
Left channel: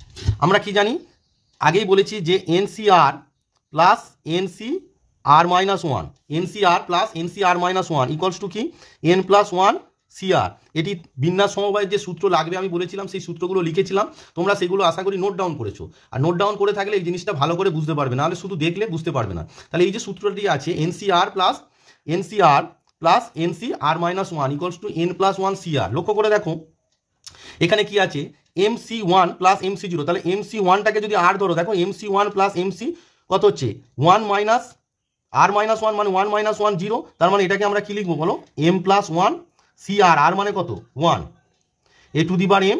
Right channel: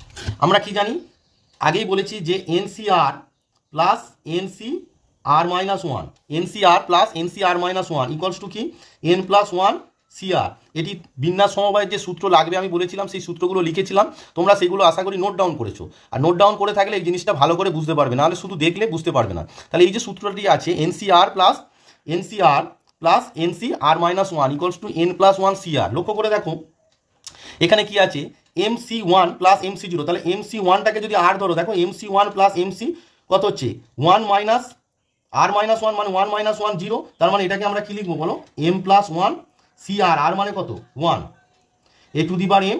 আমরা কি জানি আগেই বলেছি যে N C R plus N C R minus one, N C R plus N C R minus one equals to কি N plus one C R, এটি বিন্যাস সমবায়ের যে সূত্র লাগবে আমি বলেছিলাম, সেই সূত্রগুলো লিখেছিলাম, তোমরা সেগুলো আশা করি নোট ডাউন করেছো, আর নোট ডাউন করে থাকলে এই জিনিসটা ভালো করে বুঝতে পারবে, নাহলে শুধু দেখলে বুঝতে পারবে না। তাহলে এই যে সূত্রটি আছে N C R plus N C R plus N C R minus one equals to N plus one C R, লক্ষ্য করে দেখো এখানে কি আছে M C one plus M C zero, তাহলে এম সি ওয়ানটাকে যদি আর ধরো, দেখো M C one plus M C কত হচ্ছে one minus R minus one মানে ওয়ান মাইনাস ওয়ান জিরো, তার মানে এটাকে আমরা কি লিখবো বলো M plus one C R, R মানে কত one, A to the bar M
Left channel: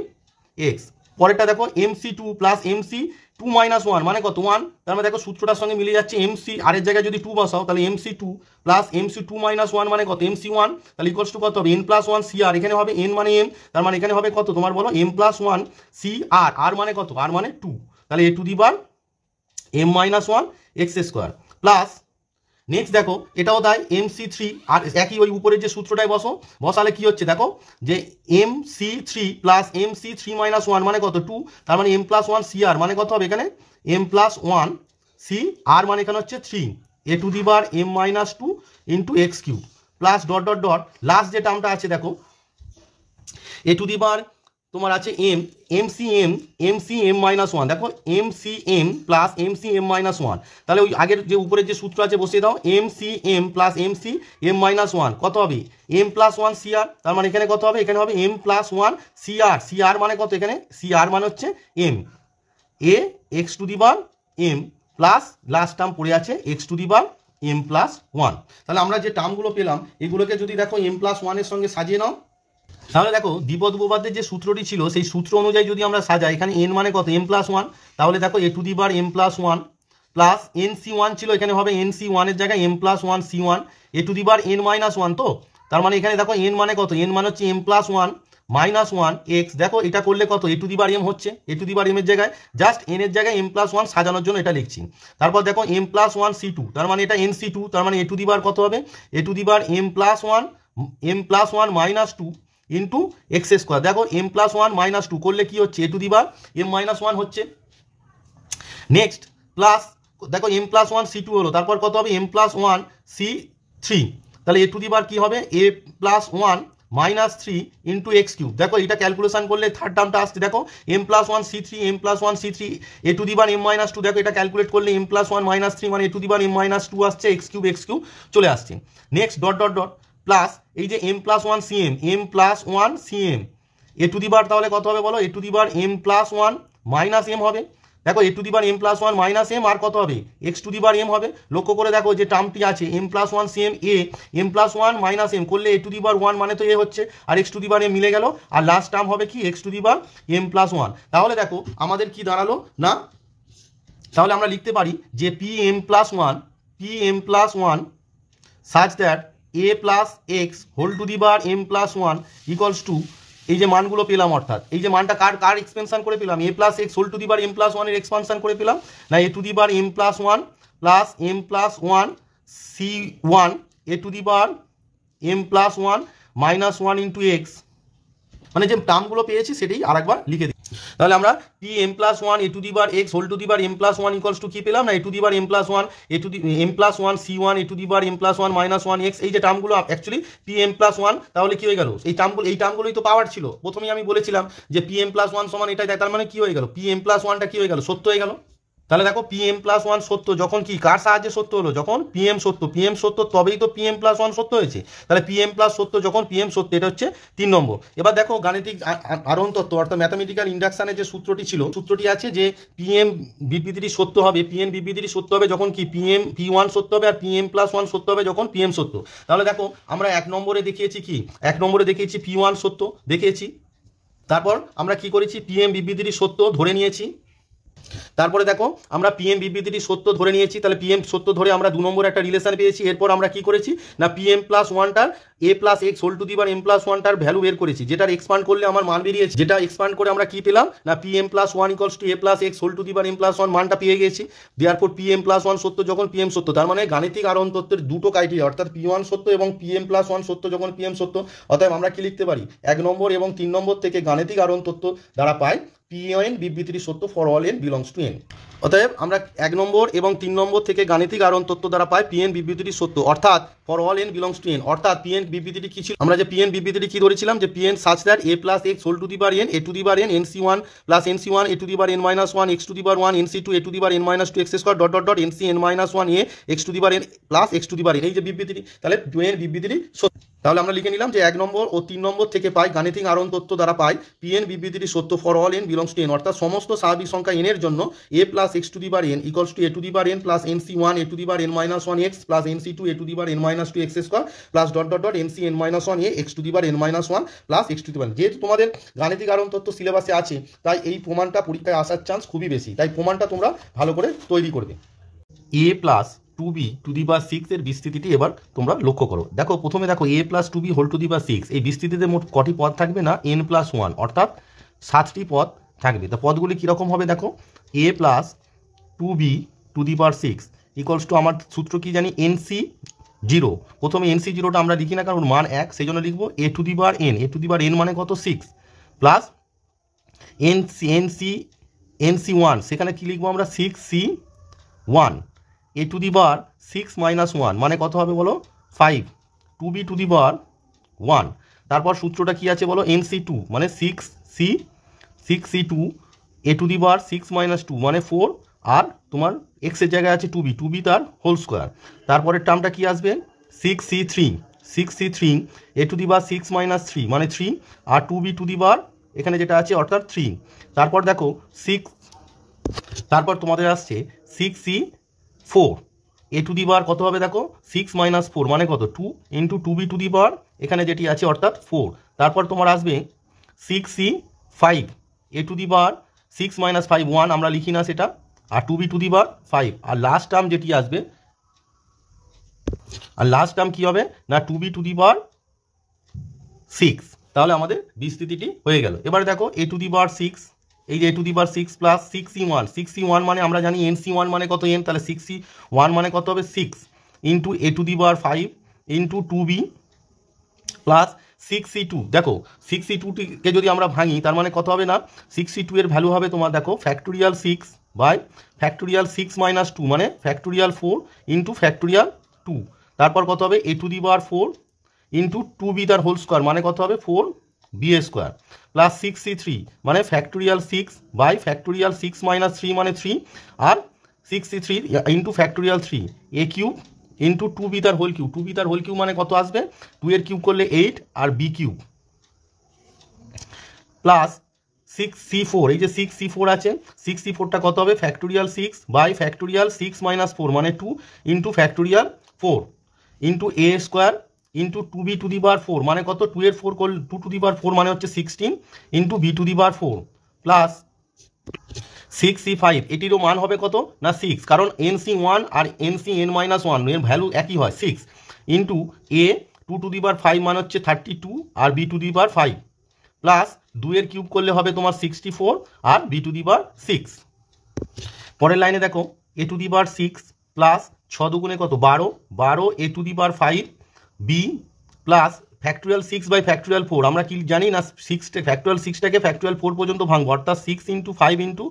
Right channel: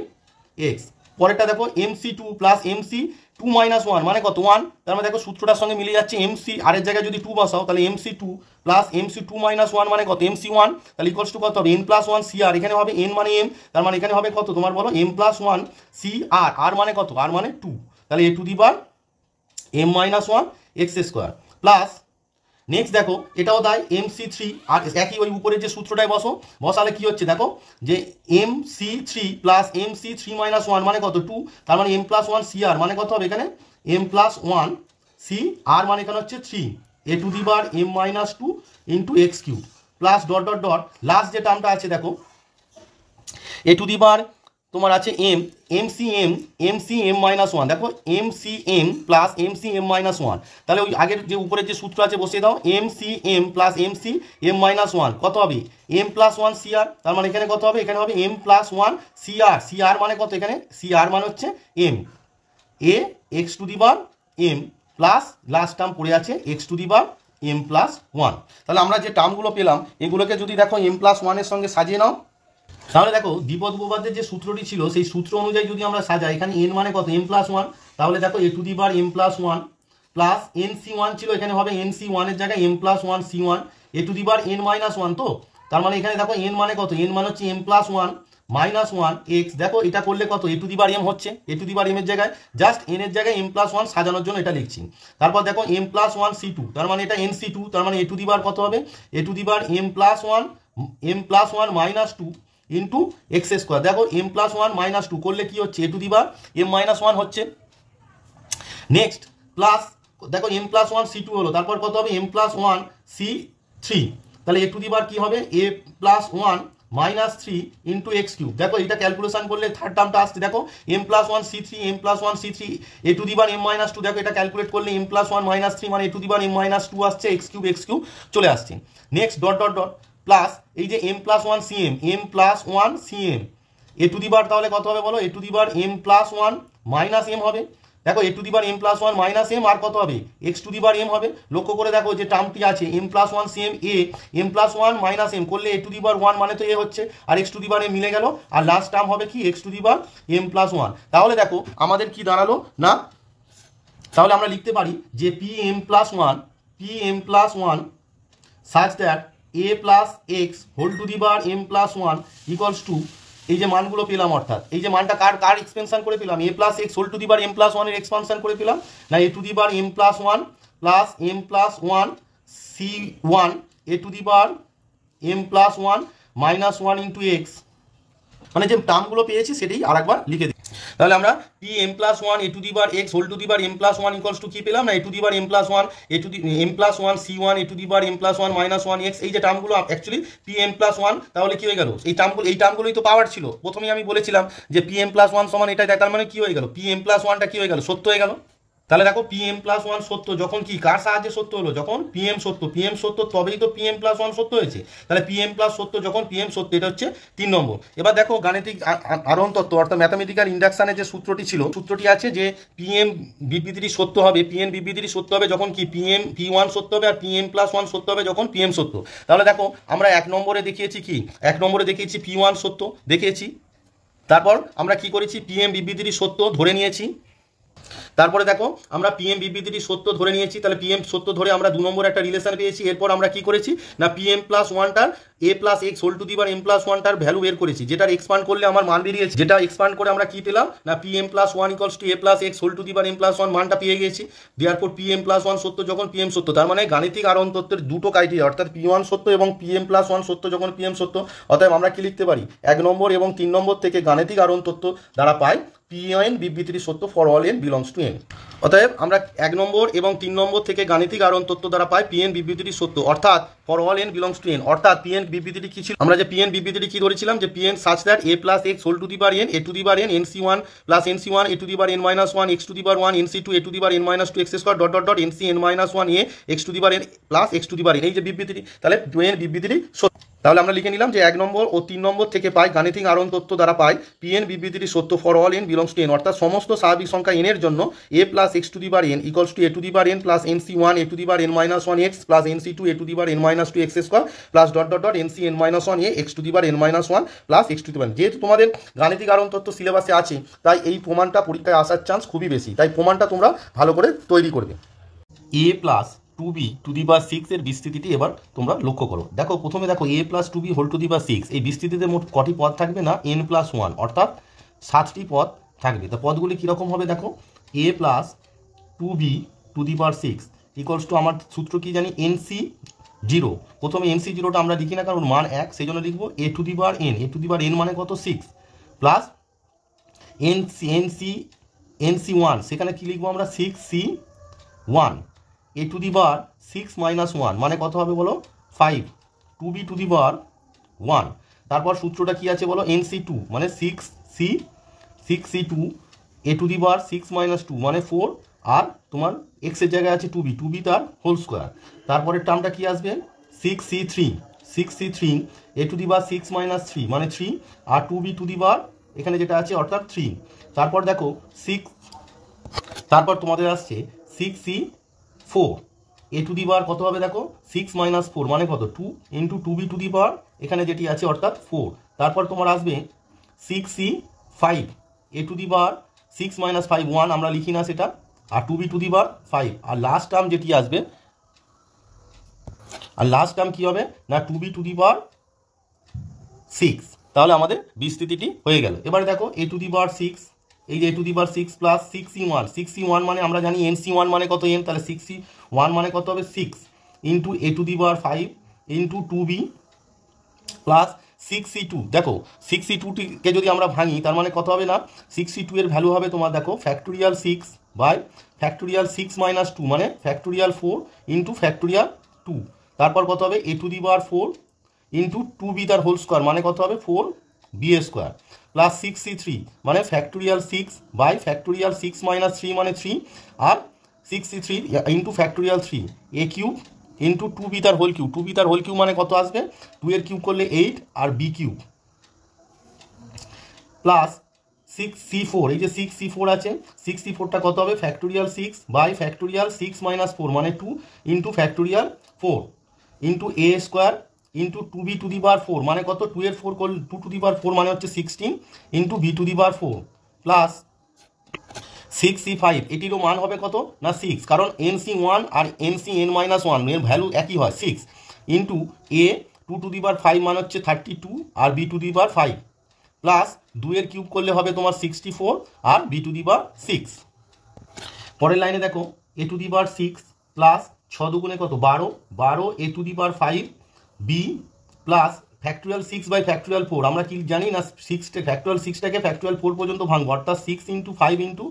X. পরেরটা দেখো M C two plus M C two minus one মানে কত ওয়ান, তার মানে দেখো সূত্রটার সঙ্গে মিলে যাচ্ছে, এম সি আর এর জায়গায় যদি টু বসাও তাহলে M C two plus M C two minus one মানে কত এম সি ওয়ান, তাহলে ইকুয়ালস টু কত হবে N plus one C R, এখানে হবে এন মানে এম, তার মানে এখানে হবে কত তোমার বলো M plus one C R, R মানে কত আর মানে টু, তাহলে A to the bar M minus one X square, plus next দেখো এটাও দেয় এম সি থ্রি, আর একই ওই উপরের যে সূত্রটায় বসালে কি হচ্ছে দেখো যে M C three plus M C three minus one মানে কত টু, তার মানে M plus one C R মানে কত হবে এখানে M plus one C R মানে এখানে হচ্ছে three, A to the bar M minus two into X cube, plus dot dot dot last যে টার্মটা আছে দেখো এ টু দি বার তোমার আছে M M C M minus one, দেখো M C M plus M C M minus one, তাহলে ওই আগের যে উপরের যে সূত্র আছে বসিয়ে দাও M C M plus M C M minus one কত হবে M plus one C R, তার মানে এখানে কত হবে এখানে হবে M plus one C R মানে কত এখানে সি আর মানে হচ্ছে M A x to the bar M, plus last term পড়ে আছে X to the bar M plus one. তাহলে আমরা যে টার্মগুলো পেলাম এগুলোকে যদি দেখো এম প্লাস ওয়ানের সঙ্গে সাজিয়ে নাও, তাহলে দেখো দ্বিপদ উপপাদ্যের যে সূত্রটি ছিল সেই সূত্র অনুযায়ী যদি আমরা সাজাই, এখানে এন মানে কত এম প্লাস ওয়ান, তাহলে দেখো A to the bar M plus one plus N C one ছিল, এখানে হবে এন সি ওয়ানের জায়গায় M plus one C one, A to the bar N minus one, তো তার মানে এখানে দেখো এন মানে কত এন মানে হচ্ছে M plus one minus one X, দেখো এটা করলে কত A to the bar M হচ্ছে, A to the bar M এর জায়গায় জাস্ট এন এর জায়গায় এম প্লাস ওয়ান সাজানোর জন্য এটা লিখছি, তারপর দেখো M plus one C two, তার মানে এটা এন সি টু, তার মানে এ টু দি বার কত হবে A to the bar M plus one minus two into X square, দেখো M plus one minus two করলে কি হচ্ছে A to the bar M minus one হচ্ছে। Next plus দেখো M plus one C two হলো, তারপর কত হবে M plus one C three, তাহলে এ টু দি বার কি হবে A plus one minus three into X cube, দেখো এটা ক্যালকুলেশন করলে থার্ড টার্মটা আসছে দেখো M plus one C three M plus one C three A to the bar M minus two, দেখো এটা calculate করলে M plus one minus three মানে A to the bar M minus two আসছে, X cube চলে আসছে। Next dot dot dot plus এই যে M plus one C M plus one C M A to the bar, তাহলে কত হবে বলো A to the bar M plus one minus M হবে, দেখো A to the bar M plus one minus M আর কত হবে X to the bar M হবে, লক্ষ্য করে দেখো যে টার্মটি আছে M plus one C M A M plus one minus M করলে A to the bar one মানে তো এ হচ্ছে, আর x to the bar m মিলে গেল, আর লাস্ট টার্ম হবে কি x to the bar M plus one. তাহলে দেখো আমাদের কি দাঁড়ালো না, তাহলে আমরা লিখতে পারি যে P M plus one such that A plus x whole to the bar M plus one equals to, এই যে মানগুলো পেলাম অর্থাৎ এই যে মানটা কার এক্সপেনশন করে পেলাম এ plus x whole to the bar M plus ওয়ানের এক্সপানশন করে পেলাম, না a to the bar M plus one C one A to the bar M plus one minus one into x, মানে যে টার্মগুলো পেয়েছি সেটাই আরেকবার লিখে দিই। তাহলে আমরা p M plus one A to the bar x whole to the bar M plus one equals to কি পেলাম না a to the bar M plus one A to the m plus one C one A to the bar M plus one minus one x. এই যে টার্মগুলো actually p M plus one, তাহলে কি হয়ে গেল এই টার্মগুলোই তো পাওয়ার ছিল। প্রথমেই আমি বলেছিলাম যে পি এম প্লাস ওয়ান সমান এটা, তার মানে কি হয়ে গেল পি এম প্লাস ওয়ানটা কি হয়ে গেল সত্য হয়ে গেল। তাহলে দেখো পি এম প্লাস ওয়ান সত্য যখন কি কার সাহায্যে সত্য হলো, যখন পি এম সত্য তবেই তো পি এম প্লাস ওয়ান সত্য হয়েছে। তাহলে পি এম প্লাস সত্য যখন পি এম সত্য, এটা হচ্ছে 3 নম্বর। এবার দেখো গাণিতিক আরোহণ তত্ত্ব অর্থাৎ ম্যাথামেটিক্যাল ইন্ডাকশনের যে সূত্রটি ছিল, সূত্রটি আছে যে পি এম বিবৃতিটি সত্য হবে, পি এন বিবৃতিটি সত্য হবে যখন কি পি ওয়ান সত্য হবে আর পি এম প্লাস ওয়ান সত্য হবে যখন পি এম সত্য। তাহলে দেখো আমরা 1 নম্বরে দেখিয়েছি কি, 1 নম্বরে দেখিয়েছি পি ওয়ান সত্য দেখিয়েছি, তারপর আমরা কি করেছি পি এম বিবৃতিটি সত্য ধরে নিয়েছি। তারপরে দেখো আমরা পিএম বিবৃতিটি সত্য ধরে নিয়েছি, তাহলে পিএম সত্য ধরে আমরা 2 নম্বরে একটা রিলেশন পেয়েছি। এরপর আমরা কি করেছি না পিএম প্লাস ওয়ানটার a plus x whole to the bar M plus ওয়ানটার ভ্যালু বের করেছি, যেটার এক্সপান্ড করলে আমার মান বেরিয়েছে, যেটা এক্সপান্ড করে আমরা কি পেলাম না PM plus one equals to A plus x whole to the bar M plus one মানটা পেয়ে গেছি। দেয়ারপর পিএম প্লাস ওয়ান সত্য যখন পিএম সত্য, তার মানে গাণিতিক আরোহণ তত্ত্বের দুটো ক্রাইটেরিয়া অর্থাৎ পি ওয়ান সত্য এবং পিএম প্লাস ওয়ান সত্য যখন পিএম সত্য। অতএব আমরা কি লিখতে পারি 1 নম্বর এবং 3 নম্বর থেকে গাণিতিক আরোহণ তত্ত্ব দ্বারা পাই পিএন বিবৃতিটি সত্য for all n belongs to N. অতএব আমরা 1 নম্বর এবং 3 নম্বর থেকে গাণিতিক আরোহণ তত্ত্ব দ্বারা পাই পিএন বিবৃতিটি সত্য অর্থাৎ for all n belongs to N. অর্থাৎ পিএন বিবৃতিটি কি ছিল, আমরা যে পিএন বিবৃতিটি কি ধরেছিলাম যে PN such that A plus x whole to the bar N A to the bar N N C one plus N C one A to the bar N minus one x to the bar one N C two A to the bar N minus two x square dot dot dot N C N minus one A x to the bar N plus x to the bar N. এই যে বিবৃতিটি, তাহলে PN বিবৃতিটি সত্য। তাহলে আমরা লিখে নিলাম যে 1 নম্বর ও 3 নম্বর থেকে পাই গাণিতিক আরোহণ তত্ত্ব দ্বারা পাই পিএন বিবৃতিটি সত্য for all n belongs to N, অর্থাৎ সমস্ত স্বাভাবিক সংখ্যা এন এর জন্য a plus x to the bar n equals to A to the bar N plus N C one A to the bar N minus one x plus N C two A to the bar N minus two x square plus dot dot dot N C N minus one A x to the bar N minus one plus x to the power. যেহেতু তোমাদের গাণিতিক আরোহণ তত্ত্ব সিলেবাসে আছে, তাই এই প্রমাণটা পরীক্ষায় আসার চান্স খুবই বেশি, তাই প্রমাণটা তোমরা ভালো করে তৈরি করবে। এ plus 2b to the power 6 এর বিস্তৃতিটি এবার তোমরা লক্ষ্য করো। দেখো প্রথমে দেখো a plus 2b whole to the power 6, এই বিস্তৃতিতে মোট কটি পদ থাকবে না n প্লাস 1 অর্থাৎ 7টি পদ থাকবে। তো পদগুলি কীরকম হবে দেখো a plus 2b to the power 6 equals to আমার সূত্র কি জানি nc 0। প্রথমে nc 0টা আমরা লিখি না কারণ মান 1, সেই জন্য লিখবো a to the bar n, a to the bar n মানে কত 6 প্লাস nc 1, সেখানে কি লিখবো আমরা 6c 1 A to the power 6 minus 1 মানে কত হবে বলো 5 2b টু দি বার 1। তারপর সূত্রটা কি আছে বলো nc2 মানে 6c2 A to the power 6 minus 2 মানে 4 আর তোমার x এর জায়গায় আছে 2b তার হোল স্কোয়ার। তারপরের টার্মটা কি আসবে 6c3 A to the power 6 minus 3 মানে 3 আর 2b টু দি বার এখানে যেটা আছে অর্থাৎ 3। তারপর দেখো 6, তারপর তোমাদের আসছে 6c4 A to the bar কত হবে দেখো 6 মাইনাস 4 মানে কত 2 ইন্টু 2b টু দি বার এখানে যেটি আছে অর্থাৎ 4। তারপর তোমার আসবে 6c5 A to the power 6 minus 5 1 আমরা লিখি না সেটা, আর 2b টু দি বার 5 আর লাস্ট টার্ম যেটি আসবে, আর লাস্ট টার্ম কি হবে না 2b টু দি বার 6। তাহলে আমাদের বিস্তৃতিটি হয়ে গেল। এবারে দেখো এ টু দি বার 6, এই যে A to the power 6 plus 6c1 মানে আমরা জানি nc1 মানে কত n, তাহলে 6c1 মানে কত হবে 6 into a to the power 5 into 2b plus 6c2। দেখো 6c2কে যদি আমরা ভাঙি তার মানে কত হবে না 6c2 এর ভ্যালু হবে তোমার দেখো ফ্যাক্টোরিয়াল 6 বাই ফ্যাক্টোরিয়াল 6 মাইনাস 2 মানে ফ্যাক্টোরিয়াল 4 ইন্টু ফ্যাক্টোরিয়াল 2। তারপর কত হবে A to the bar 4 into 2b তার হোল স্কোয়ার মানে কত হবে 4b স্কোয়ার প্লাস 6c3 মানে ফ্যাক্টোরিয়াল 6 বাই ফ্যাক্টোরিয়াল 6 মাইনাস 3 মানে 3 আর 6c3 into factorial 3 a cube into 2b তার হোল কিউব, 2b তার হোল কিউব মানে কত আসবে 2 এর কিউব করলে 8 আর b কিউব প্লাস 6c4, এই যে 6c4 আছে 6c4টা কত হবে ফ্যাক্টোরিয়াল 6 বাই ফ্যাক্টোরিয়াল 6 মাইনাস 4 মানে 2 into factorial 4 into a square into 2b to the বার 4 মানে কত 2 এর 4 করলে 2 টু দি বার 4 মানে হচ্ছে 16 into b two the bar 4 plus 6c5, এটিরও মান হবে কত না 6 কারণ nc1 আর ncn মাইনাস 1 এর ভ্যালু একই হয় 6 into a 2 to the power 5 মানে হচ্ছে 32 আর b two the power 5 plus 2 এর কিউব করলে হবে তোমার 64 আর b টু দি বার 6। পরের লাইনে দেখো a to the power 6 plus 6 দুগুণে কত 12 a to the power 5 b plus factorial 6 by factorial 4, আমরা কি জানি না ফ্যাক্টোরিয়াল 6টাকে ফ্যাক্টোরিয়াল 4 পর্যন্ত ভাঙবো, অর্থাৎ 6 into 5 into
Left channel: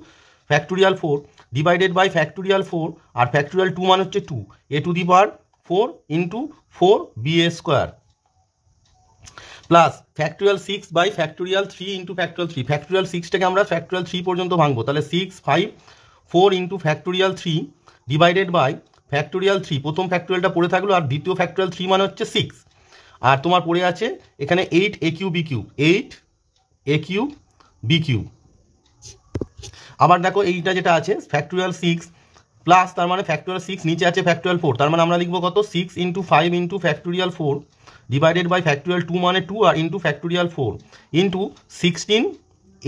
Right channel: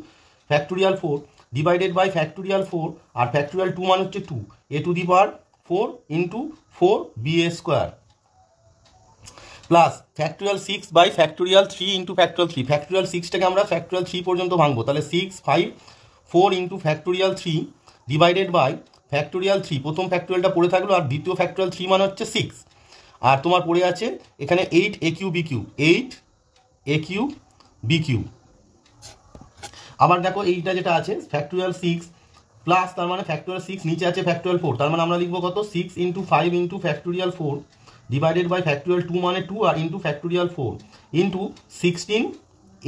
factorial 4 divided by factorial 4, আর ফ্যাক্টোরিয়াল 2 মানে হচ্ছে 2 a to the power 4 into 4 ba square plus factorial 6 by factorial 3 into factorial 3, factorial 6টাকে আমরা ফ্যাক্টোরিয়াল 3 পর্যন্ত ভাঙবো, তাহলে 6 5 4 into factorial 3 divided by factorial 3, প্রথম ফ্যাক্টোরিয়ালটা পড়ে থাকলো, আর দ্বিতীয় ফ্যাক্টোরিয়াল 3 মানে হচ্ছে 6, আর তোমার পড়ে আছে এখানে 8 a cube B cube, 8 a cube B cube. আবার দেখো এইটা যেটা আছে ফ্যাক্টোরিয়াল 6 প্লাস, তার মানে ফ্যাক্টোরিয়াল 6 নিচে আছে ফ্যাক্টোরিয়াল 4, তার মানে আমরা লিখবো কত 6 into 5 into factorial 4 divided by factorial 2 মানে 2 আর into factorial 4 into 16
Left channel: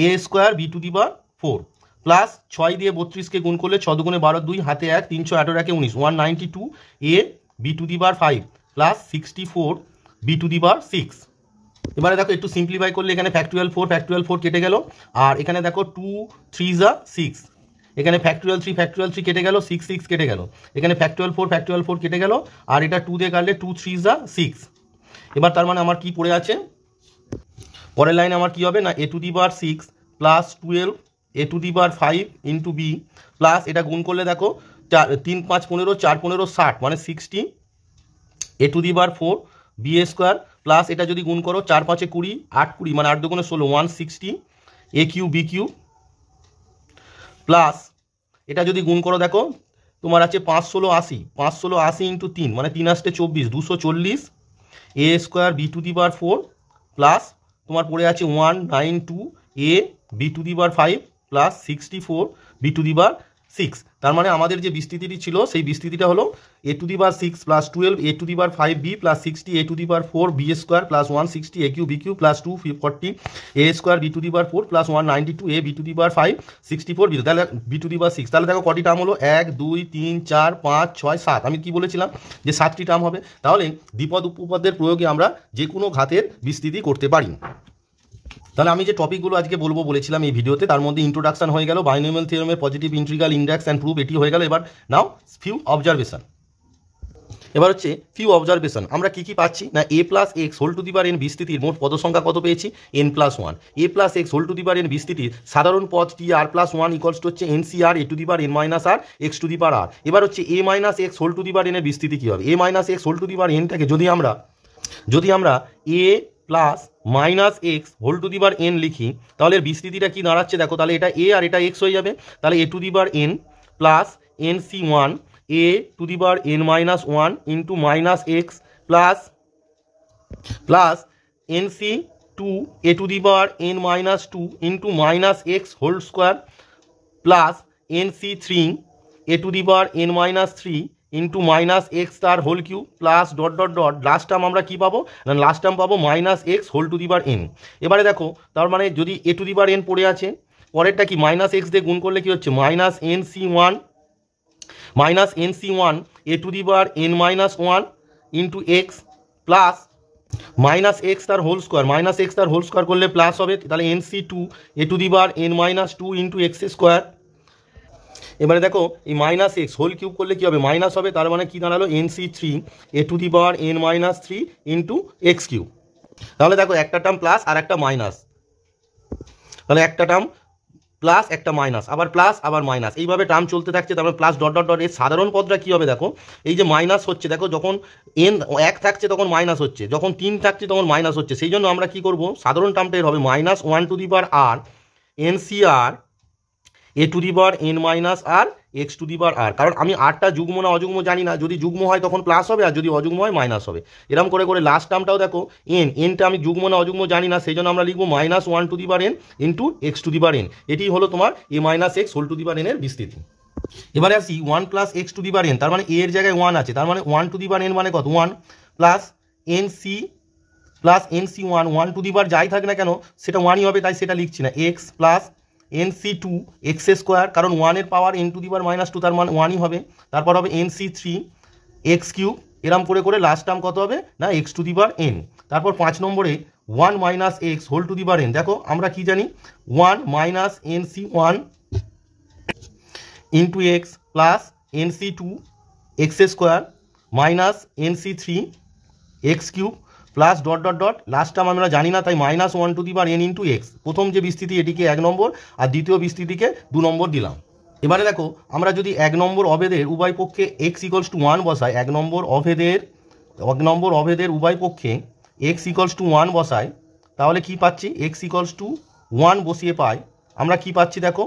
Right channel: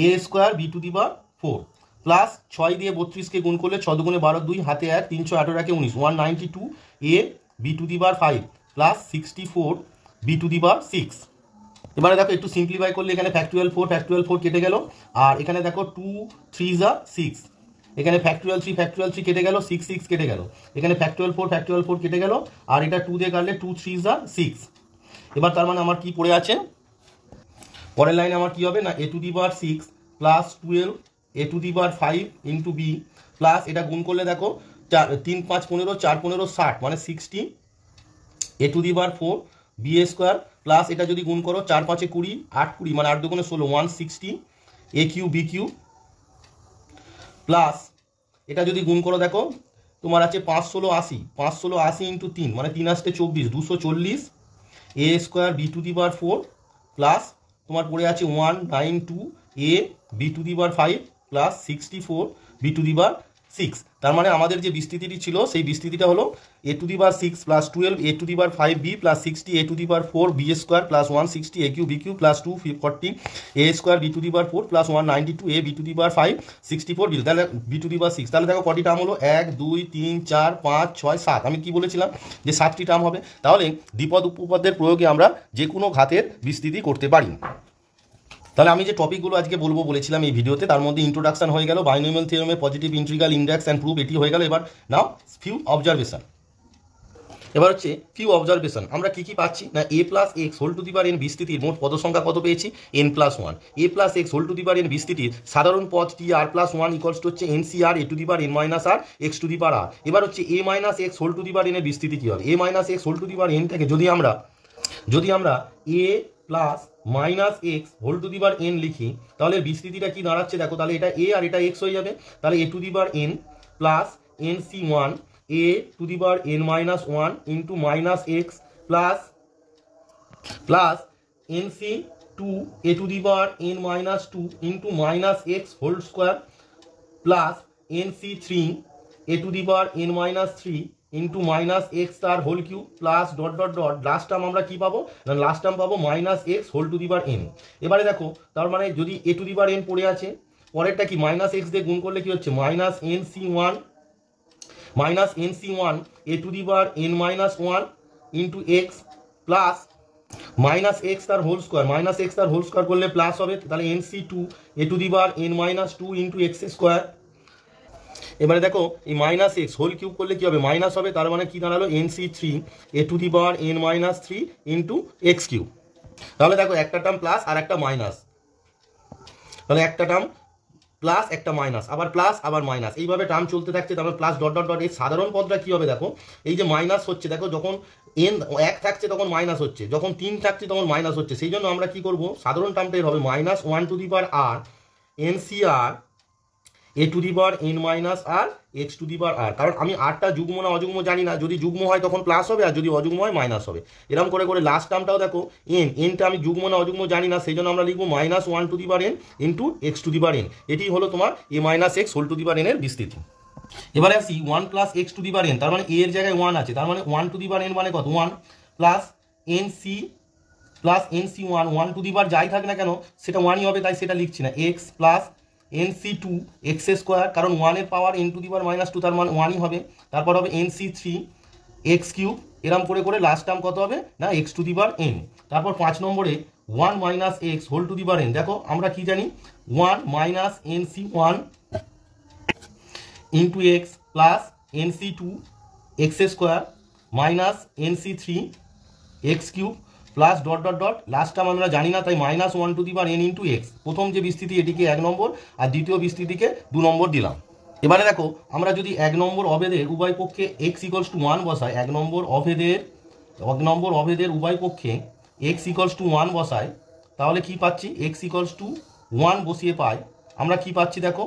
a square B to the power 4 plus 6 দিয়ে 32কে গুণ করলে 6 দুগুণে 12 2 হাতে 1 318 একে 19 192 a B to the power 5 plus 64 b to the power 6। এবারে দেখো একটু সিম্পলিফাই করলে এখানে ফ্যাক্টোরিয়াল 4 কেটে গেল, আর এখানে দেখো 2 3 যা 6, এখানে ফ্যাক্টোরিয়াল 3 কেটে গেল, 6 6 কেটে গেল, এখানে ফ্যাক্টোরিয়াল 4 কেটে গেল, আর এটা 2 দিয়ে কাটলে 2 3 যা 6। এবার তার মানে আমার কি পড়ে আছে, পরের লাইনে আমার কি হবে না a to the power 6 plus 12 a to the power 5 into B plus এটা গুণ করলে দেখো 3 5 15 4 15 60 মানে 60 a to the power 4 B square plus এটা যদি গুণ করো 4 5 20 8 20 মানে 8 দুগুণে 16 160 a cube B cube plus এটা যদি গুণ করো দেখো তোমার আছে 5 16 80 5 16 80 ইন্টু 3 মানে 3 আসতে 24 240 a square B to the power 4 plus তোমার পড়ে আছে 192 a B to the power 5 plus 64 b to the power 6। তার মানে আমাদের যে বিস্তৃতিটি ছিল সেই বিস্তৃতিটা হলো a to the power 6 plus 12 a to the power 5 b plus 60 a to the power 4 b square plus 160 a cube B cube plus 240 a square B to the power 4 plus 192 a B to the power 5 64 B, তাহলে B to the power 6। তাহলে দেখো কটি term হলো 1 2 3 4 5 6 7, আমি কি বলেছিলাম যে 7টি term হবে। তাহলে দ্বিপদ উপপদের প্রয়োগে আমরা যে কোনো ঘাতের বিস্তৃতি করতে পারি। তাহলে আমি যে টপিকগুলো আজকে বলবো বলেছিলাম এই ভিডিওতে, তার মধ্যে ইন্ট্রোডাকশন হয়ে গেল, বাইনোমিয়াল থিওরেমের positive integral, index and proof এটি হয়ে গেল। এবার নাও ফিউ অবজারভেশন। এবার হচ্ছে ফিউ অবজারভেশন, আমরা কি কি পাচ্ছি না a plus x whole to the power n বিস্তৃতির মোট পদ সংখ্যা কত পেয়েছি n plus 1, a plus x whole to the power n বিস্তৃতির সাধারণ পদ টি আর প্লাস 1 ইকুয়ালস টু হচ্ছে NCR a to the power n minus R x to the power r। এবার হচ্ছে a minus x whole to the power n এর বিস্তৃতি কি হবে, a minus x whole to the power nটাকে যদি আমরা a plus minus x whole to the power n লিখি, তাহলে এর বিস্তৃতিটা কি দাঁড়াচ্ছে দেখো, তাহলে এটা a আর এটা x হয়ে যাবে, তাহলে a to the power n plus NC1 a to the power n minus 1 into minus x plus NC2 a to the power n minus 2 into minus x whole square plus NC3 a to the power n minus 3 into minus x তার whole cube plus dot dot dot last term আমরা কি পাবো না last term পাবো minus x whole to the power n। এবারে দেখো তার মানে যদি a to the power n পড়ে আছে, পরেরটা কি মাইনাস এক্স দিয়ে গুণ করলে কি হচ্ছে minus NC1 a to the power n minus 1 into X plus minus x তার হোল স্কোয়ার করলে প্লাস হবে, তাহলে NC2 a to the power n minus 2 into X square. এবারে দেখো এই মাইনাস এক্স হোল কিউব করলে কি হবে মাইনাস হবে, তার মানে কি দাঁড়ালো NC3 a to the power n minus 3 into X cube. তাহলে দেখো একটা টার্ম প্লাস আর একটা মাইনাস, তাহলে একটা টার্ম প্লাস একটা মাইনাস আবার প্লাস আবার মাইনাস, এইভাবে টার্ম চলতে থাকছে। তারপরে প্লাস ডট ডট ডট এর সাধারণ পদটা কি হবে দেখো, এই যে মাইনাস হচ্ছে দেখো যখন n 1 থাকছে তখন মাইনাস হচ্ছে, যখন 3 থাকছে তখন মাইনাস হচ্ছে, সেই জন্য আমরা কি করব সাধারণ টার্মটা এর হবে minus 1 to the power r NCR a to the power n minus R x to the power r, কারণ আমি আরটা যুগ্ম না অযুগ্ম জানি না, যদি যুগ্ম হয় তখন প্লাস হবে আর যদি অযুগ্ম হয় মাইনাস হবে। এরকম করে করে লাস্ট টার্মটাও দেখো nটা আমি যুগ্ম না অযুগ্ম জানি না, সেই জন্য আমরা লিখবো minus 1 to the power n into X to the power n। এটি হলো তোমার a minus x whole to the power n এর বিস্তৃতি। এবারে আসি 1 plus x to the power n, তার মানে a এর জায়গায় 1 আছে, তার মানে 1 টু দি পাওয়ার n মানে কত 1 প্লাস NC1 1 টু দি পাওয়ার যাই থাক না কেন সেটা 1ই হবে, তাই সেটা লিখছি না, x plus NC2 X square, কারণ 1 এর পাওয়ার n two the power minus 2 তার মানে 1ই হবে, তারপর হবে NC3 এক্স কিউব, এরম করে করে লাস্ট টার্ম কত হবে না X to the power n। তারপর 5 নম্বরে 1 minus x whole to the power n, দেখো আমরা কি জানি 1 minus NC1 into X plus NC2 X square minus NC3 X cube plus dot dot dot last term আমরা জানি না, তাই minus 1 to the power n into X. প্রথম যে বিস্তৃতি এটিকে 1 নম্বর আর দ্বিতীয় বিস্তৃতিকে 2 নম্বর দিলাম। এবারে দেখো আমরা যদি 1 নম্বর অভেদের উভয় পক্ষে x ইকুয়ালস টু 1 বসাই, 1 নম্বর অভেদের উভয় পক্ষে x ইকুয়ালস টু 1 বসাই, তাহলে কি পাচ্ছি? x ইকুয়ালস টু 1 বসিয়ে পাই আমরা কি পাচ্ছি দেখো।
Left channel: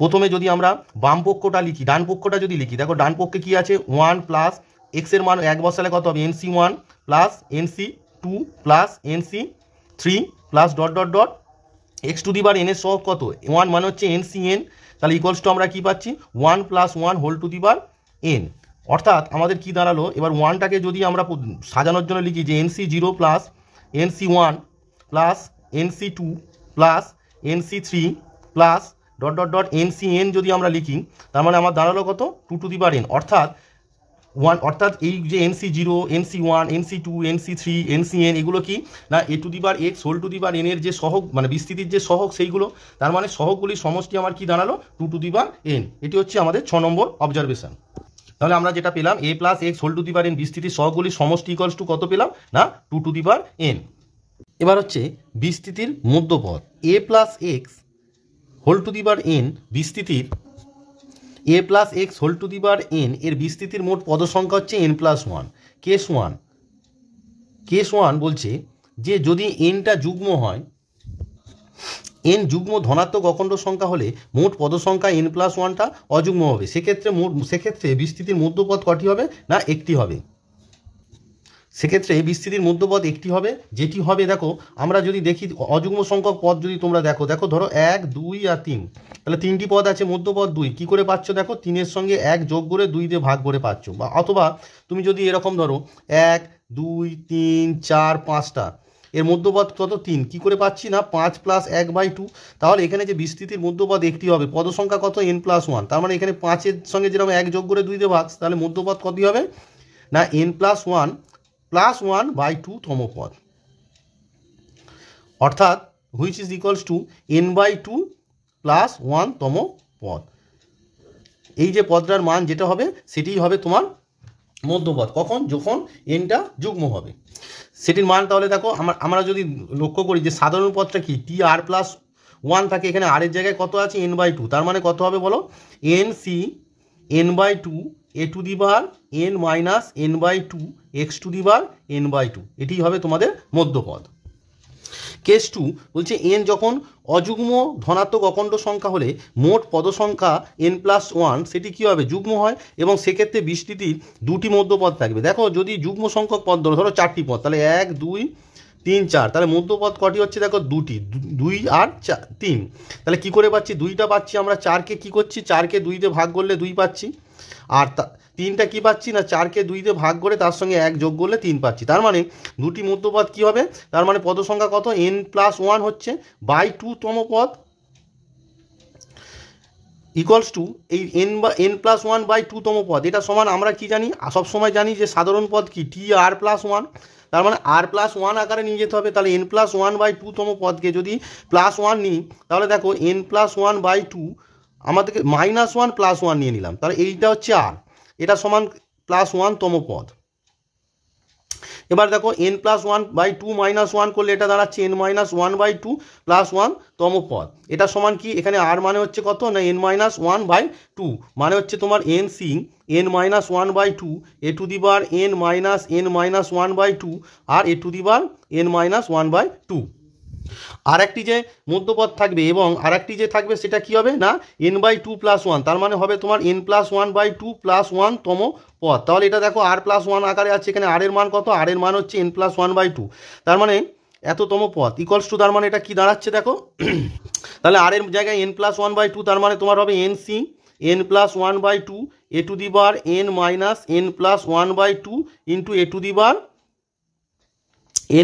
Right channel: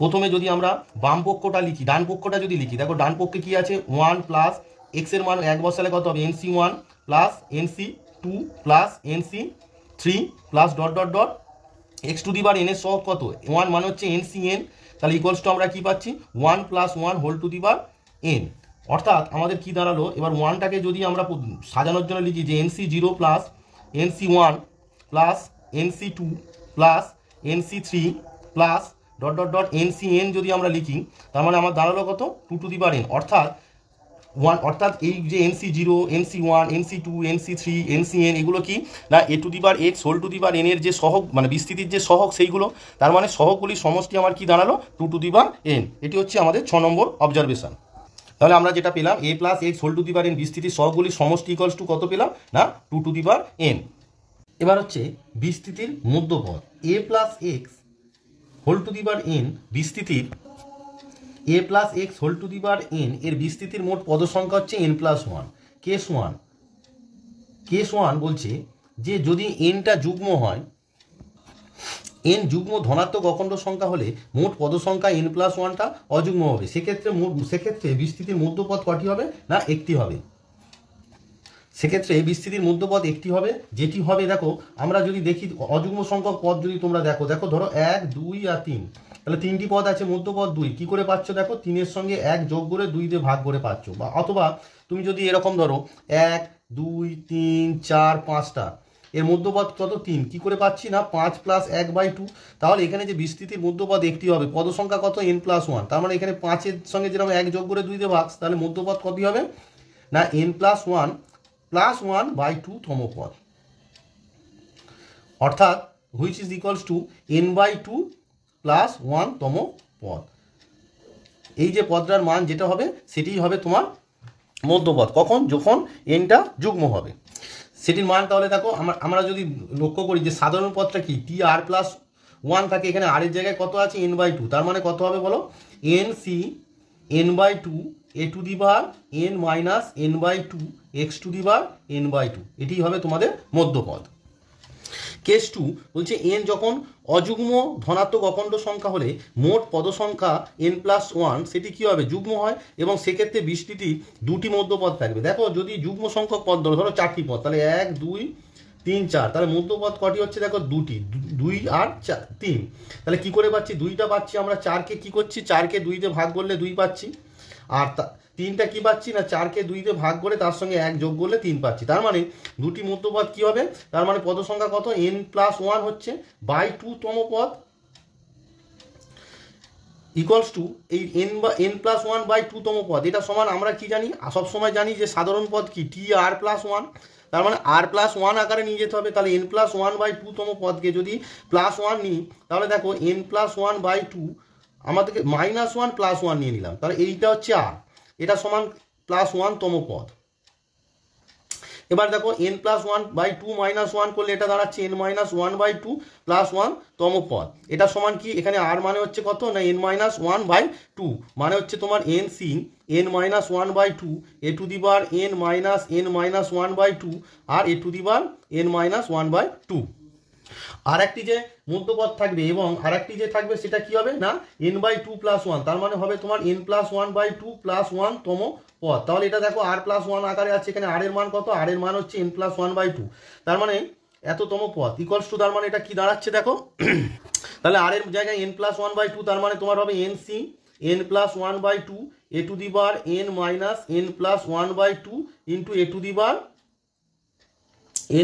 প্রথমে যদি আমরা বাম পক্ষটা লিখি, ডান পক্ষটা যদি লিখি, দেখো ডান পক্ষে কি আছে? 1 প্লাস এক্স এর মান 1 বসালে কত হবে? nc1 plus nc2 plus nc3 plus dot dot dot X to the power n এর সহগ কত? 1 মানে হচ্ছে ncn, তাহলে ইকুয়ালস টু আমরা কি পাচ্ছি? 1 plus 1 whole to the power n। অর্থাৎ আমাদের কি দাঁড়ালো? এবার 1টাকে যদি আমরা সাজানোর জন্য লিখি যে nc0 plus nc1 plus nc2 plus nc3 plus dot dot dot ncn যদি আমরা লিখি, তার মানে আমার দাঁড়ালো কত? 2 টু দি পাওয়ার n। অর্থাৎ এই যে nc0 nc1 nc2 nc3 ncn এগুলো কি না a to the power x whole to the power n এর যে সহগ মানে বিস্তৃতির যে সহগ সেইগুলো, তার মানে সহগগুলির সমষ্টি আমার কি দাঁড়ালো? 2 টু দি পাওয়ার n। এটি হচ্ছে আমাদের 6 নম্বর অবজারভেশন। তাহলে আমরা যেটা পেলাম a plus x whole to the power n বিস্তৃতির সহগগুলির সমষ্টি ইকুয়ালস টু কত পেলাম? না 2 টু দি পাওয়ার n। এবার হচ্ছে বিস্তৃতির মধ্যপদ a plus x whole to the power n বিস্তৃতির a plus x whole to the power n এর বিস্তৃতির মোট পদ সংখ্যা হচ্ছে n প্লাস 1। কেস 1 বলছে যে যদি nটা যুগ্ম হয়, n যুগ্ম ধনাত্মক অখণ্ড সংখ্যা হলে মোট পদ সংখ্যা n প্লাস 1টা অযুগ্ম হবে। সেক্ষেত্রে বিস্তৃতির মধ্যপদ কটি হবে? না একটি হবে। সেক্ষেত্রে বিস্তৃতির মধ্যপদ একটি হবে, যেটি হবে দেখো আমরা যদি দেখি অযুগ্ম সংখ্যক পদ যদি তোমরা দেখো ধরো 1 2 আর 3, তাহলে 3টি পদ আছে, মধ্যপদ 2 কি করে পাচ্ছ? দেখো 3 এর সঙ্গে 1 যোগ করে 2 দিয়ে ভাগ করে পাচ্ছ। বা অথবা তুমি যদি এরকম ধরো 1 2 3 4 5টা, এর মধ্যপদ কত? 3 কি করে পাচ্ছি? না 5 প্লাস 1/2। তাহলে এখানে যে বিস্তৃতির মধ্যপদ একটি হবে, পদ সংখ্যা কত? n plus 1। তার মানে এখানে 5 এর সঙ্গে যেরকম 1 যোগ করে 2 দিয়ে ভাগ, তাহলে মধ্যপদ কত হবে? না n প্লাস 1 প্লাস 1/2 তম পদ, অর্থাৎ which is equals to n/2 plus 1 তম পদ। এই যে পদটার মান যেটা হবে সেটিই হবে তোমার মধ্যপদ। কখন? যখন nটা যুগ্ম হবে। সেটির মান তাহলে দেখো আমরা যদি লক্ষ্য করি যে সাধারণ পদটা কি টি আর প্লাস 1 থাকে, এখানে আর এর জায়গায় কত আছে? n/2। তার মানে কত হবে বলো? nc n/2 a to the power n minus n/2 x two the power n/2, এটি হবে তোমাদের মধ্যপদ। কেস 2 বলছে n যখন অযুগ্ম ধনাত্মক অখণ্ড সংখ্যা হলে মোট পদ সংখ্যা n প্লাস 1 সেটি কী হবে? যুগ্ম হয়, এবং সেক্ষেত্রে বিস্তৃতির 2টি মধ্যপদ থাকবে। দেখো যদি যুগ্ম সংখ্যক পদ ধরো 4টি পদ, তাহলে 1 2 3 4, তাহলে মধ্যপদ কটি হচ্ছে? দেখো 2টি, 2 আর 3। তাহলে কি করে পাচ্ছি? 2টা পাচ্ছি আমরা, 4কে কি করছি? 4কে 2 দিয়ে ভাগ করলে 2 পাচ্ছি, আর 3টা কি পাচ্ছি? না 4কে 2 দিয়ে ভাগ করে তার সঙ্গে 1 যোগ করলে 3 পাচ্ছি। তার মানে দুটি মধ্যপদ কি হবে? তার মানে পদ সংখ্যা কত? n প্লাস 1 হচ্ছে /2 তম পদ ইকুয়ালস টু এই n প্লাস 1/2 তম পদ। এটা সমান আমরা কি জানি? সবসময় জানি যে সাধারণ পদ কি টি আর প্লাস 1। তার মানে আর প্লাস 1 আকারে নিয়ে যেতে হবে। তাহলে n প্লাস 1/2 তম পদকে যদি প্লাস 1 নিই, তাহলে দেখো n প্লাস 1/2 আমাদেরকে মাইনাস 1 প্লাস 1 নিয়ে নিলাম, তাহলে এইটা হচ্ছে আর, এটা সমান প্লাস 1 তম পদ। এবার দেখো n প্লাস 1/2 মাইনাস 1 করলে এটা দাঁড়াচ্ছে n মাইনাস 1/2 প্লাস 1 তম পদ। এটা সমান কি? এখানে আর মানে হচ্ছে কত? না n মাইনাস 1/2 মানে হচ্ছে তোমার nc n minus 1/2 a to the power n minus n minus 1/2 আর a to the power n minus 1/2। আর একটি যে মধ্যপদ থাকবে এবং আর একটি যে থাকবে সেটা কি হবে? না n/2 প্লাস 1, তার মানে হবে তোমার n প্লাস 1/2 প্লাস 1 তম পদ। তাহলে এটা দেখো আর প্লাস 1 আকারে আছে, এখানে আর এর মান কত? আর এর মান হচ্ছে n প্লাস 1/2, তার মানে এততম পদ ইকুয়ালস টু, তার মানে এটা কি দাঁড়াচ্ছে দেখো, তাহলে আর এর জায়গায় n প্লাস 1/2, তার মানে তোমার হবে nc n plus 1/2 a to the power n minus n plus 1/2 into a to the power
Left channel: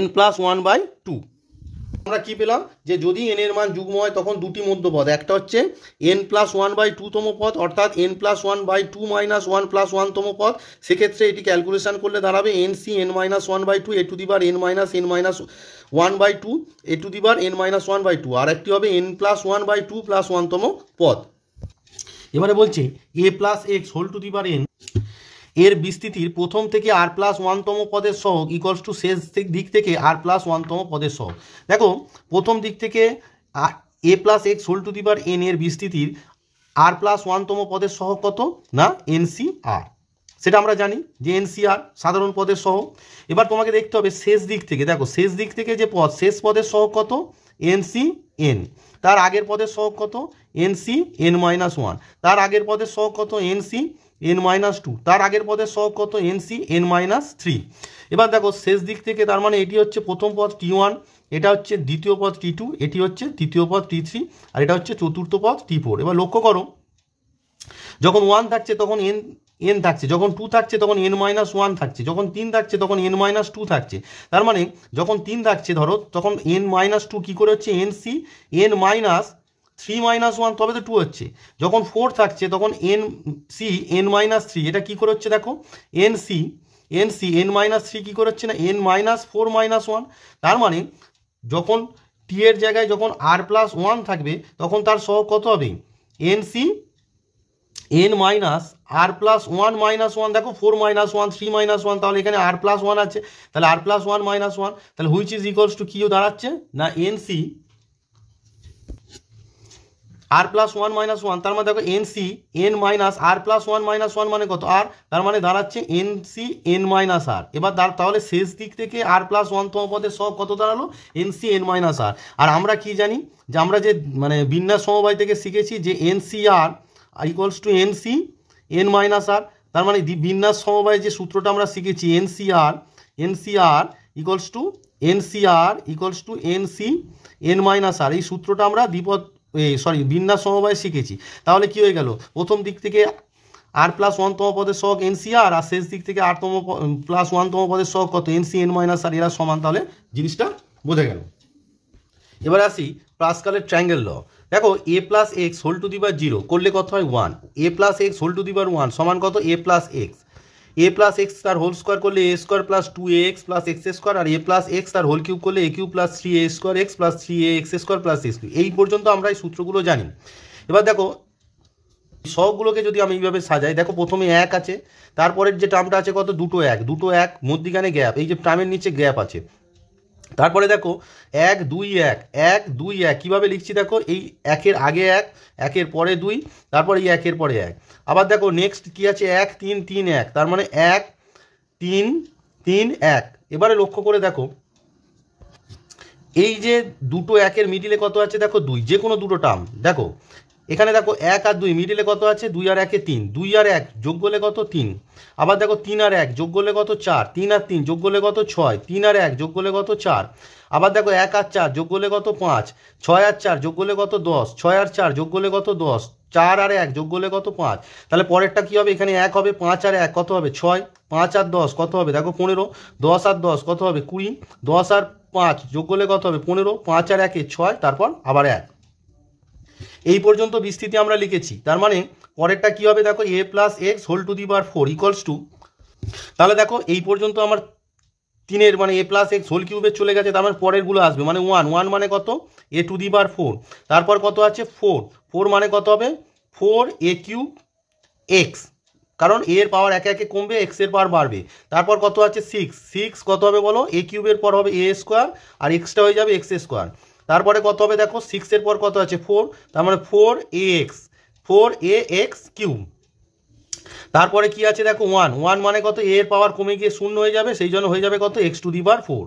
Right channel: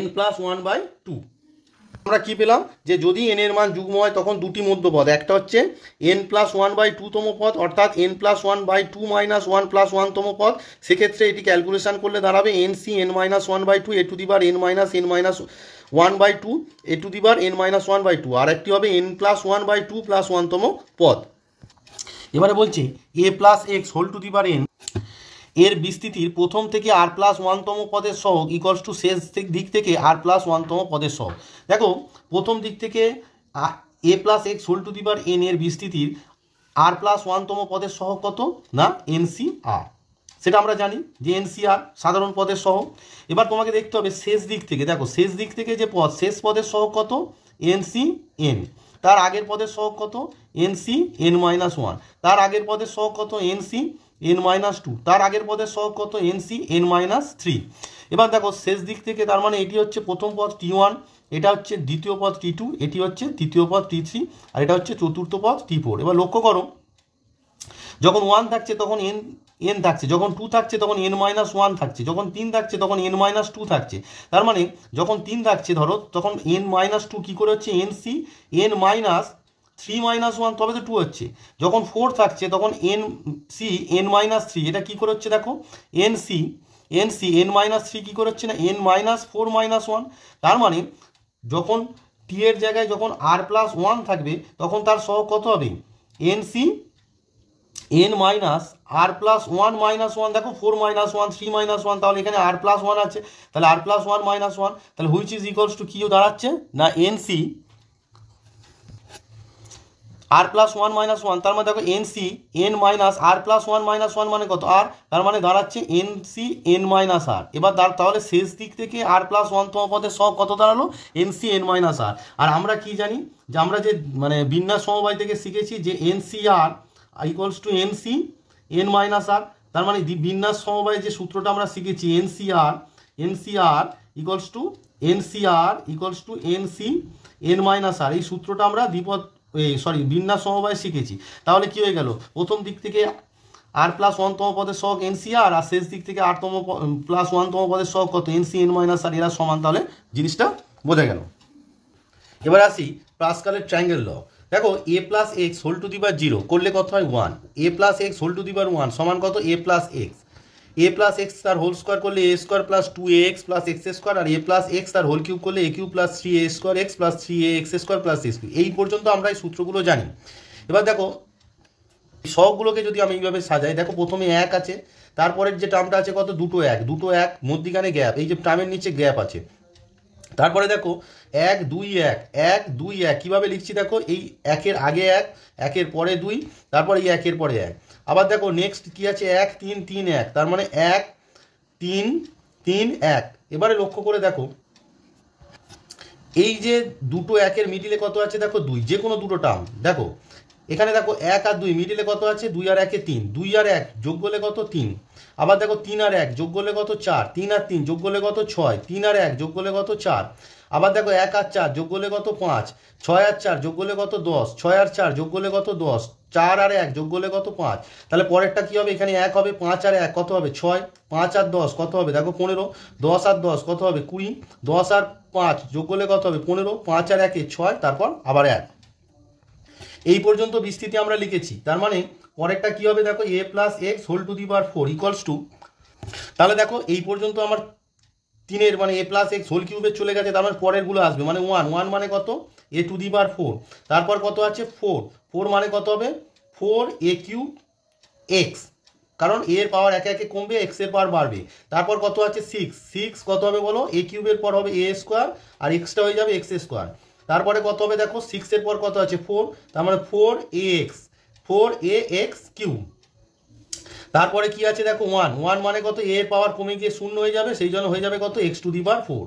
n plus 1/2। আমরা কি পেলাম? যে যদি n এর মান যুগ্ম হয় তখন দুটি মধ্যপদ, একটা হচ্ছে n প্লাস 1/2 তম পদ, অর্থাৎ n প্লাস 1/2 মাইনাস 1 প্লাস 1 তম পদ। সেক্ষেত্রে এটি ক্যালকুলেশন করলে দাঁড়াবে nc n minus 1/2 a to the power n minus n minus 1/2 a to the power n minus 1/2, আর একটি হবে n প্লাস 1/2 প্লাস 1 তম পদ। এবারে বলছে a plus x whole to the power n এর বিস্তৃতির প্রথম থেকে আর প্লাস ওয়ানতম পদের সহগ ইকুয়ালস টু শেষ দিক থেকে আর প্লাস ওয়ানতম পদের সহগ। দেখো প্রথম দিক থেকে a plus x whole to the power N এর বিস্তৃতির আর প্লাস ওয়ানতম পদের সহগ কত না এনসি আর, সেটা আমরা জানি যে এনসি আর সাধারণ পদের সহগ। এবার তোমাকে দেখতে হবে শেষ দিক থেকে, দেখো শেষ দিক থেকে যে পদ শেষ পদের সহগ কত এনসি এন, তার আগের পদের সহগ কত এনসি এন মাইনাস ওয়ান, তার আগের পদের সহগ কত এনসি এন মাইনাস টু, তার আগের পদের সহগ কত এনসি এন মাইনাস থ্রি। এবার দেখো শেষ দিক থেকে তার মানে এটি হচ্ছে প্রথম পদ টি ওয়ান, এটা হচ্ছে দ্বিতীয় পদ টি টু, এটি হচ্ছে তৃতীয় পদ টি থ্রি, আর এটা হচ্ছে চতুর্থ পদ টি ফোর। এবার লক্ষ্য করো যখন ওয়ান থাকছে তখন এন এন থাকছে, যখন টু থাকছে তখন এন মাইনাস ওয়ান থাকছে, যখন তিন থাকছে তখন এন মাইনাস টু থাকছে। তার মানে যখন তিন থাকছে ধরো তখন এন মাইনাস টু কী করে হচ্ছে n C N minus three minus one, তবে তো টু হচ্ছে। যখন ফোর থাকছে তখন n C N minus three, এটা কী করে হচ্ছে দেখো n C N minus three কী করে হচ্ছে না n minus four minus one. তার মানে যখন টি এর জায়গায় যখন আর প্লাস ওয়ান থাকবে তখন তার সহগ কত হবে এন সি এন মাইনাস আর প্লাস ওয়ান মাইনাস ওয়ান, দেখো four minus one three minus one, তাহলে এখানে আর প্লাস ওয়ান আছে, তাহলে আর প্লাস ওয়ান মাইনাস ওয়ান, তাহলে হুইচ ইজ ইকুয়ালস টু কি দাঁড়াচ্ছে না N C R plus one minus one. তার মানে দেখো এন সি এন মাইনাস আর প্লাস ওয়ান মাইনাস ওয়ান মানে কত আর, তার মানে দাঁড়াচ্ছে এন সি এন মাইনাস আর। এবার তাহলে শেষ দিক থেকে আর প্লাস ওয়ানতম পদের সব কত দাঁড়ালো N C N minus r. আর আমরা কি জানি যে আমরা যে মানে বিন্যাস সমবায় থেকে শিখেছি যে N C r equals to n C N minus r. তার মানে বিন্যাস সমবায় যে সূত্রটা আমরা শিখেছি n C r equals to n C N minus r, এই সূত্রটা আমরা বিন্যাস সমবায় শিখেছি। তাহলে কি হয়ে গেল প্রথম দিক থেকে আর প্লাস ওয়ানতম পদের সহগ এন সি আর, আর শেষ দিক থেকে আরতম প্লাস ওয়ানতম পদের সহগ কত এন সি এন মাইনাস আর, এরা সমান। তাহলে জিনিসটা বোঝা গেল। এবার আসি পাস্কালের ট্রায়াঙ্গেল ল। দেখো এ plus x whole to the power zero করলে কত হয় one, a plus x whole to the power one সমান কত এ প্লাস এক্স তার হোল স্কোয়ার করলে a square plus two a x plus x square, আর a plus x তার whole cube করলে a cube plus three a square x plus three a x square plus x cube. এই পর্যন্ত আমরা এই সূত্রগুলো জানি। এবার দেখো সবগুলোকে যদি আমি এইভাবে সাজাই, দেখো প্রথমে এক আছে, তারপরের যে টার্মটা আছে কত দুটো এক মধ্যিখানে গ্যাপ, এই যে টার্মের নিচে গ্যাপ আছে। তারপরে দেখো এক দুই এক কীভাবে লিখছি দেখো এই একের আগে একের পরে দুই, তারপরে এই একের পরে এক। আবার দেখো নেক্সট কি আছে এক তিন তিন এক, তার মানে এক তিন তিন এক। এবারে লক্ষ্য করে দেখো এই যে দুটো একের মিডিলে কত আছে দেখো দুই, যে কোনো দুটো টার্ম দেখো এখানে দেখো এক আর দুই মিডিলে কত আছে দুই আর একে তিন, দুই আর এক যোগ করলে কত তিন। আবার দেখো তিন আর এক যোগ করলে কত চার, তিন আর তিন যোগ করলে কত ছয়, তিন আর এক যোগ করলে কত চার। আবার দেখো এক আর চার যোগ করলে কত পাঁচ, ছয় আর চার যোগ করলে কত দশ, ছয় আর চার যোগ করলে কত দশ, চার আর এক যোগ করলে কত পাঁচ। তাহলে পরেরটা কি হবে এখানে এক হবে, পাঁচ আর এক কত হবে ছয়, পাঁচ আর দশ কত হবে দেখো 15, 10 আর 10 কত হবে 20, 10 আর 5 যোগ করলে কত হবে 15, 5 আর 1 6, তারপর আবার 1। এই পর্যন্ত বিস্তৃতি আমরা লিখেছি। তার মানে পরেরটা কি হবে দেখো এ plus x whole to the power 4 equals to, তাহলে দেখো এই পর্যন্ত আমার তিনের মানে এ প্লাস এক্স হোল কিউবের চলে গেছে, তার মানে পরেরগুলো আসবে মানে ওয়ান মানে কত এ টু দি পাওয়ার 4, তারপর কত আছে 4 মানে কত হবে 4 এ কিউব এক্স, কারণ এর পাওয়ার একে একে কমবে এক্স এর পাওয়ার বাড়বে। তারপর কত আছে 6 কত হবে বলো এ কিউবের পর হবে এ স্কোয়ার আর এক্সটা হয়ে যাবে এক্স স্কোয়ার। তারপরে কত হবে দেখো 6 এর পর কত আছে 4, তার মানে 4 এ এক্স কিউব। তারপরে কি আছে দেখো 1 মানে কত এর পাওয়ার কমে গিয়ে শূন্য হয়ে যাবে, সেই জন্য হয়ে যাবে কত x to the power 4।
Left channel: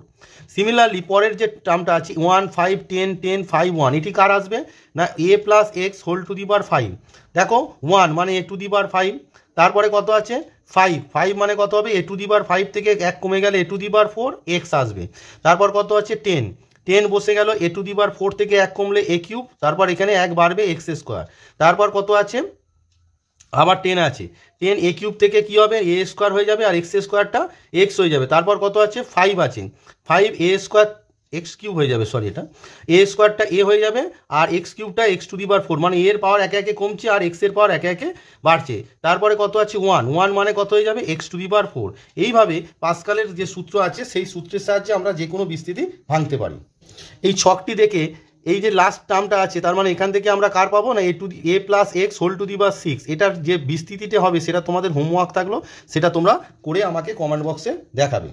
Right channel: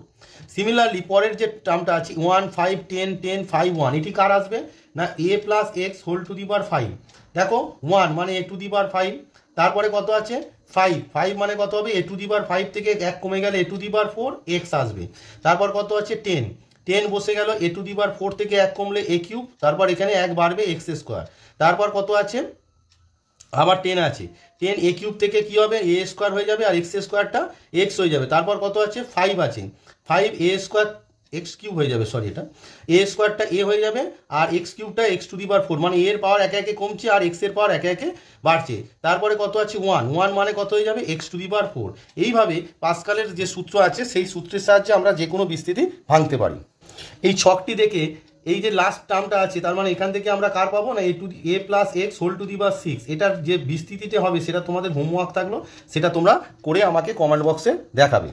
Similarly পরের যে টার্মটা আছে 1 5 10 10 5 1, এটি কার আসবে না এ plus x whole to the power 5। দেখো 1 মানে এ টু দি পাওয়ার 5, তারপরে কত আছে 5 মানে কত হবে এ টু দি পাওয়ার 5 থেকে এক কমে গেলে এ টু দি পাওয়ার 4 এক্স আসবে। তারপর কত আছে 10 বসে গেল এ টু দি পাওয়ার 4 থেকে এক কমলে এ কিউব, তারপর এখানে এক বাড়বে এক্স স্কোয়ার। তারপর কত আছে আবার 10 আছে, 10 এ কিউব থেকে কি হবে এ স্কোয়ার হয়ে যাবে আর এক্স স্কোয়ারটা এক্স হয়ে যাবে। তারপর কত আছে 5 আছে, 5 এ স্কোয়ার এক্স কিউব হয়ে যাবে, সরি এটা এ স্কোয়ারটা এ হয়ে যাবে আর x কিউবটা x to the power 4, মানে এর পাওয়ার একে একে কমছে আর এক্স এর পাওয়ার একে একে বাড়ছে। তারপরে কত আছে 1 মানে কত হয়ে যাবে এক্স টু দি পাওয়ার 4। এইভাবে পাস্কালের যে সূত্র আছে সেই সূত্রের সাহায্যে আমরা যে কোনো বিস্তৃতি ভাঙতে পারি। এই ছকটি দেখে এই যে লাস্ট টার্মটা আছে, তার মানে এখান থেকে আমরা কার পাবো না এ plus x whole to the power 6, এটার যে বিস্তৃতিটা হবে সেটা তোমাদের হোমওয়ার্ক থাকলো, সেটা তোমরা করে আমাকে কমেন্ট বক্সে দেখাবে।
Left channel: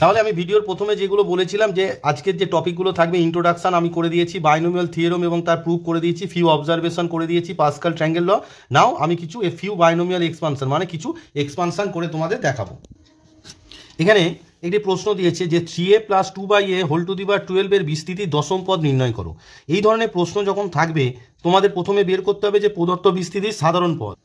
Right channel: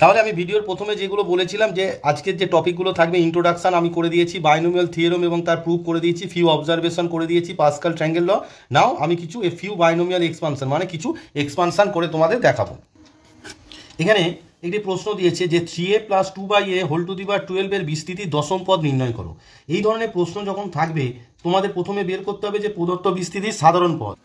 তাহলে আমি ভিডিওর প্রথমে যেগুলো বলেছিলাম যে আজকের যে টপিকগুলো থাকবে, ইন্ট্রোডাকশন আমি করে দিয়েছি, বাইনোমিয়াল থিওরেম এবং তার প্রুফ করে দিয়েছি, ফিউ অবজারভেশন করে দিয়েছি, পাস্কাল ট্রায়াঙ্গেল ল। নাও আমি কিছু ফিউ বাইনোমিয়াল এক্সপানশন মানে কিছু এক্সপানশন করে তোমাদের দেখাবো। এখানে একটি প্রশ্ন দিয়েছে যে 3a plus 2/a whole to the power 12 এর বিস্তৃতির দশম পদ নির্ণয় করো। এই ধরনের প্রশ্ন যখন থাকবে তোমাদের প্রথমে বের করতে হবে যে প্রদত্ত বিস্তৃতির সাধারণ পদ।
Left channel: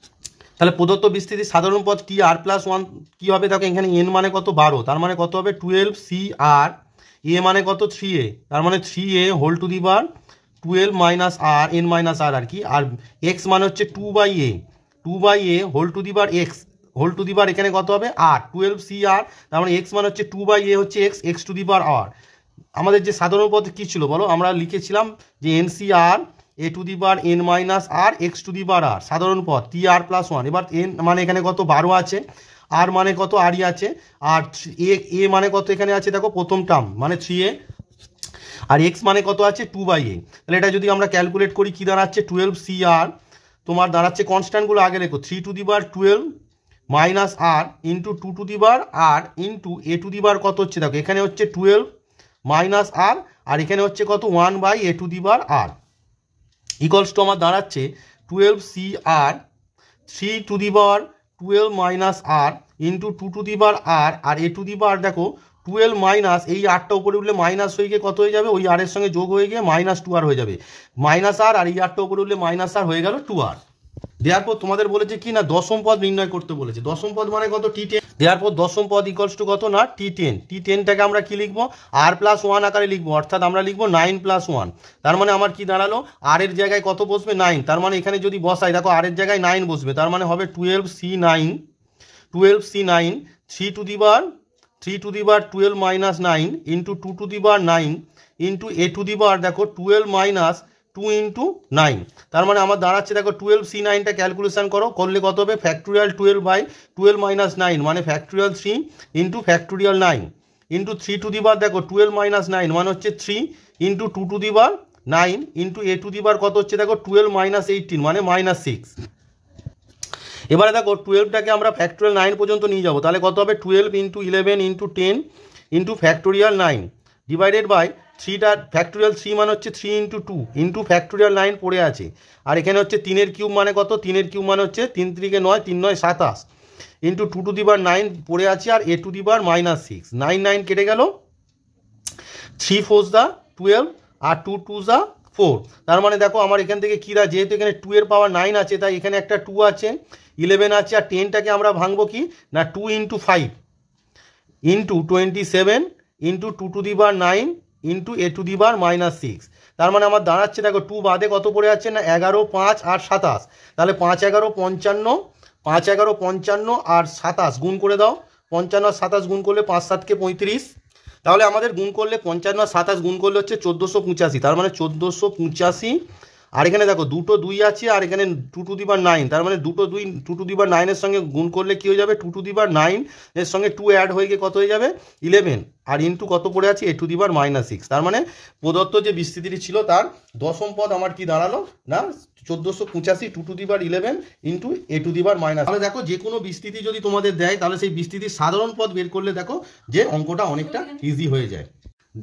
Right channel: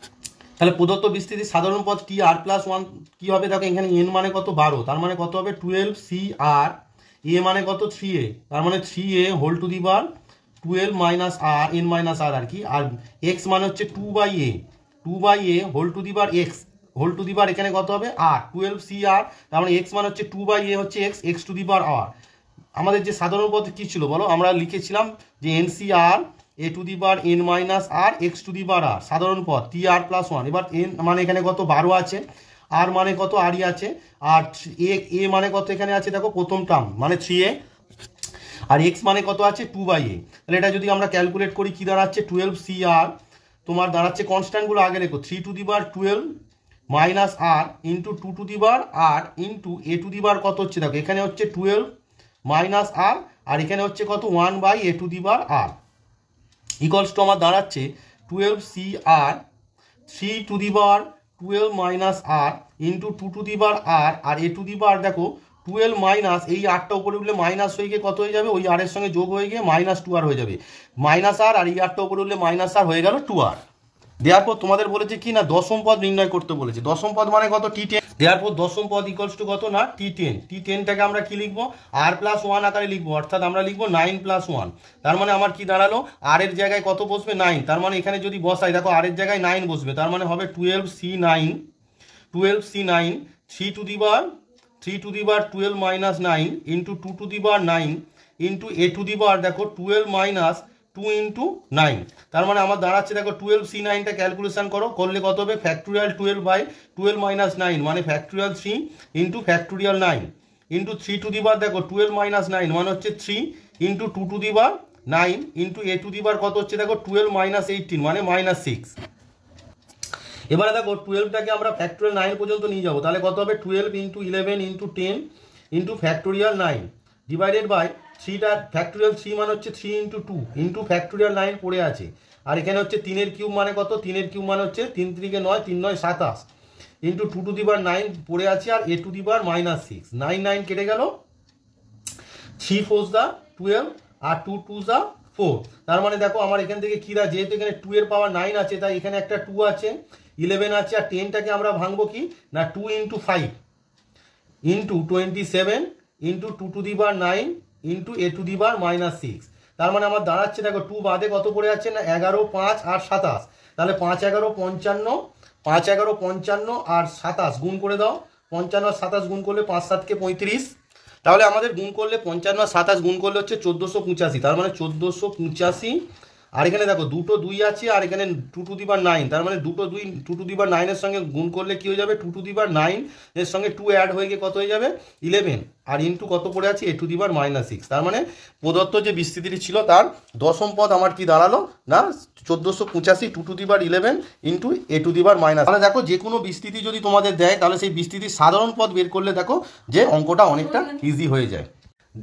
তাহলে প্রদত্ত বিস্তৃতির সাধারণ পদ টি আর প্লাস 1 কী হবে? দেখো এখানে এন মানে কত 12, তার মানে কত হবে 12 সি আর, এ মানে কত 3a, তার মানে 3a whole to the power 12 minus r n minus r আর কি, আর এক্স মানে হচ্ছে 2/a whole to the power x whole to the power এখানে কত হবে আর 12 সি আর, তার মানে এক্স মানে হচ্ছে 2/a হচ্ছে এক্স টু দি পাওয়ার আর। আমাদের যে সাধারণ পদ কী ছিল বলো? আমরা লিখেছিলাম যে N C r A to the power N minus R x to the power r, সাধারণ পদ টি আর প্লাস 1। এবার এন মানে এখানে কত 12 আছে, আর মানে কত আরই আছে, আর এ মানে কত এখানে আছে দেখো প্রথম টার্ম মানে 3a, আর এক্স মানে কত আছে 2/a। তাহলে এটা যদি আমরা ক্যালকুলেট করি কী দাঁড়াচ্ছে 12 সি আর, তোমার দাঁড়াচ্ছে কনস্ট্যান্টগুলো আগে লেখো 3 to the power 12 minus R into 2 to the power r into a to the power কত হচ্ছে দেখো এখানে হচ্ছে 12 মাইনাস আর এখানে হচ্ছে কত 1/a to the power r equals to আমার দাঁড়াচ্ছে 12 c r 3 to the power 12 minus R into 2 to the power r A to the power দেখো 12 মাইনাস এই আরটা উপরে উঠলে মাইনাস হয়ে গিয়ে কত হয়ে যাবে, ওই আরের সঙ্গে যোগ হয়ে গিয়ে -2r হয়ে যাবে, মাইনাস আর এই আরটা উপরে উঠলে মাইনাস আর হয়ে গেল 2r। দেওয়ার পর তোমাদের বলেছে কি না দশম পদ নির্ণয় করতে বলেছে। দশম পদ মানে কত T10, দেওয়ার পর দশম পদ ইকুয়ালস টু কত না T10। T10টাকে আমরা কি লিখবো আর প্লাস 1 আকারে লিখবো, অর্থাৎ আমরা লিখবো 9 + 1। তার মানে আমার কি দাঁড়ালো আর এর জায়গায় কত বসবে 9, তার মানে এখানে যদি বসাই দেখো আর এর জায়গায় 9 বসবে, তার মানে হবে 12c9 3 to the power 12 minus 9 into 2 to the power 9 into a to the power দেখো 12 মাইনাস 2 ইন্টু 9। তার মানে আমার দাঁড়াচ্ছে দেখো 12c9টা ক্যালকুলেশন করলে কত হবে ফ্যাক্টোরিয়াল 12/12 মাইনাস 9 মানে factorial 3 into factorial 9 into 3 to the power দেখো 12 মাইনাস 9 মানে হচ্ছে 3 into 2 to the power 9 into a to the power কত হচ্ছে দেখো 12 মাইনাস 18 মানে -6। এবারে দেখো 12টাকে আমরা ফ্যাক্টোরিয়াল 9 পর্যন্ত নিয়ে যাবো, তাহলে কত হবে 12 into 11 into 10 into factorial 9 divided by 3টা ফ্যাক্টোরিয়াল 3 মানে হচ্ছে 3 ইন্টু 2 ইন্টু ফ্যাক্টোরিয়াল 9 পড়ে আছে, আর এখানে হচ্ছে 3 এর কিউব মানে কত 3 এর কিউব মানে হচ্ছে 3 3 9 3 9 27 ইন্টু 2 টু দি পাওয়ার 9 পড়ে আছে, আর এ টু দি পাওয়ার -6 9 9 কেটে গেল 3 4 দা 12 আর 2 2 দা 4। তার মানে দেখো আমার এখান থেকে কিরা যেহেতু এখানে 2 এর পাওয়ার 9 আছে তাই এখানে একটা 2 আছে 11 আছে, আর 10টাকে আমরা ভাঙবো কি না 2 into 5 into 27 into 2 to the power 9 into a to the power -6। তার মানে আমার দাঁড়াচ্ছে দেখো 2 বাদে কত পড়ে যাচ্ছে না 11 5 আর 27, তাহলে 5 11 55 5 11 55 আর 27 গুণ করে দাও, 55 আর 27 গুণ করলে 5 7 কে 35, তাহলে আমাদের গুণ করলে 55 আর 27 গুণ করলে হচ্ছে 1485, তার মানে 1485। আর এখানে দেখো দুটো 2 আছে আর এখানে 2 টু দি পাওয়ার 9, তার মানে দুটো 2 2 টু দি পাওয়ার 9 এর সঙ্গে গুণ করলে কি হয়ে যাবে 2 টু দি পাওয়ার 9 এর সঙ্গে 2 অ্যাড হয়ে গিয়ে কত হয়ে যাবে 11, আর ইন্টু কত পড়ে আছে এ টু দি পাওয়ার -6। তার মানে প্রদত্ত যে বিস্তৃতিটি ছিল তার দশম পদ আমার কি দাঁড়ালো না 1485 2 to the power 11 into a to the power -। তাহলে দেখো যে কোনো বিস্তৃতি যদি তোমাদের দেয় তাহলে সেই বিস্তৃতির সাধারণ পদ বের করলে দেখো যে অঙ্কটা অনেকটা ইজি হয়ে যায়।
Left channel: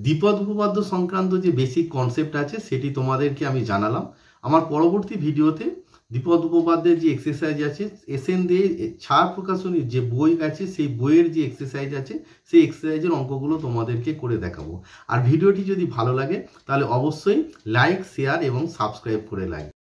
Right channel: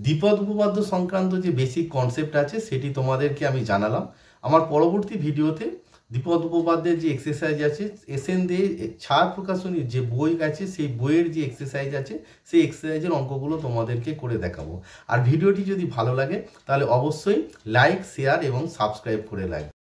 দ্বিপদ উপপাদ্য সংক্রান্ত যে বেসিক কনসেপ্ট আছে সেটি তোমাদেরকে আমি জানালাম। আমার পরবর্তী ভিডিওতে দ্বিপদ উপপাদ্যের যে এক্সারসাইজ আছে এসএন দিয়ে ছাড় প্রকাশনীর যে বই আছে সেই বইয়ের যে এক্সারসাইজ আছে সেই এক্সারসাইজের অঙ্কগুলো তোমাদেরকে করে দেখাবো। আর ভিডিওটি যদি ভালো লাগে তাহলে অবশ্যই লাইক শেয়ার এবং সাবস্ক্রাইব করে রাখবে।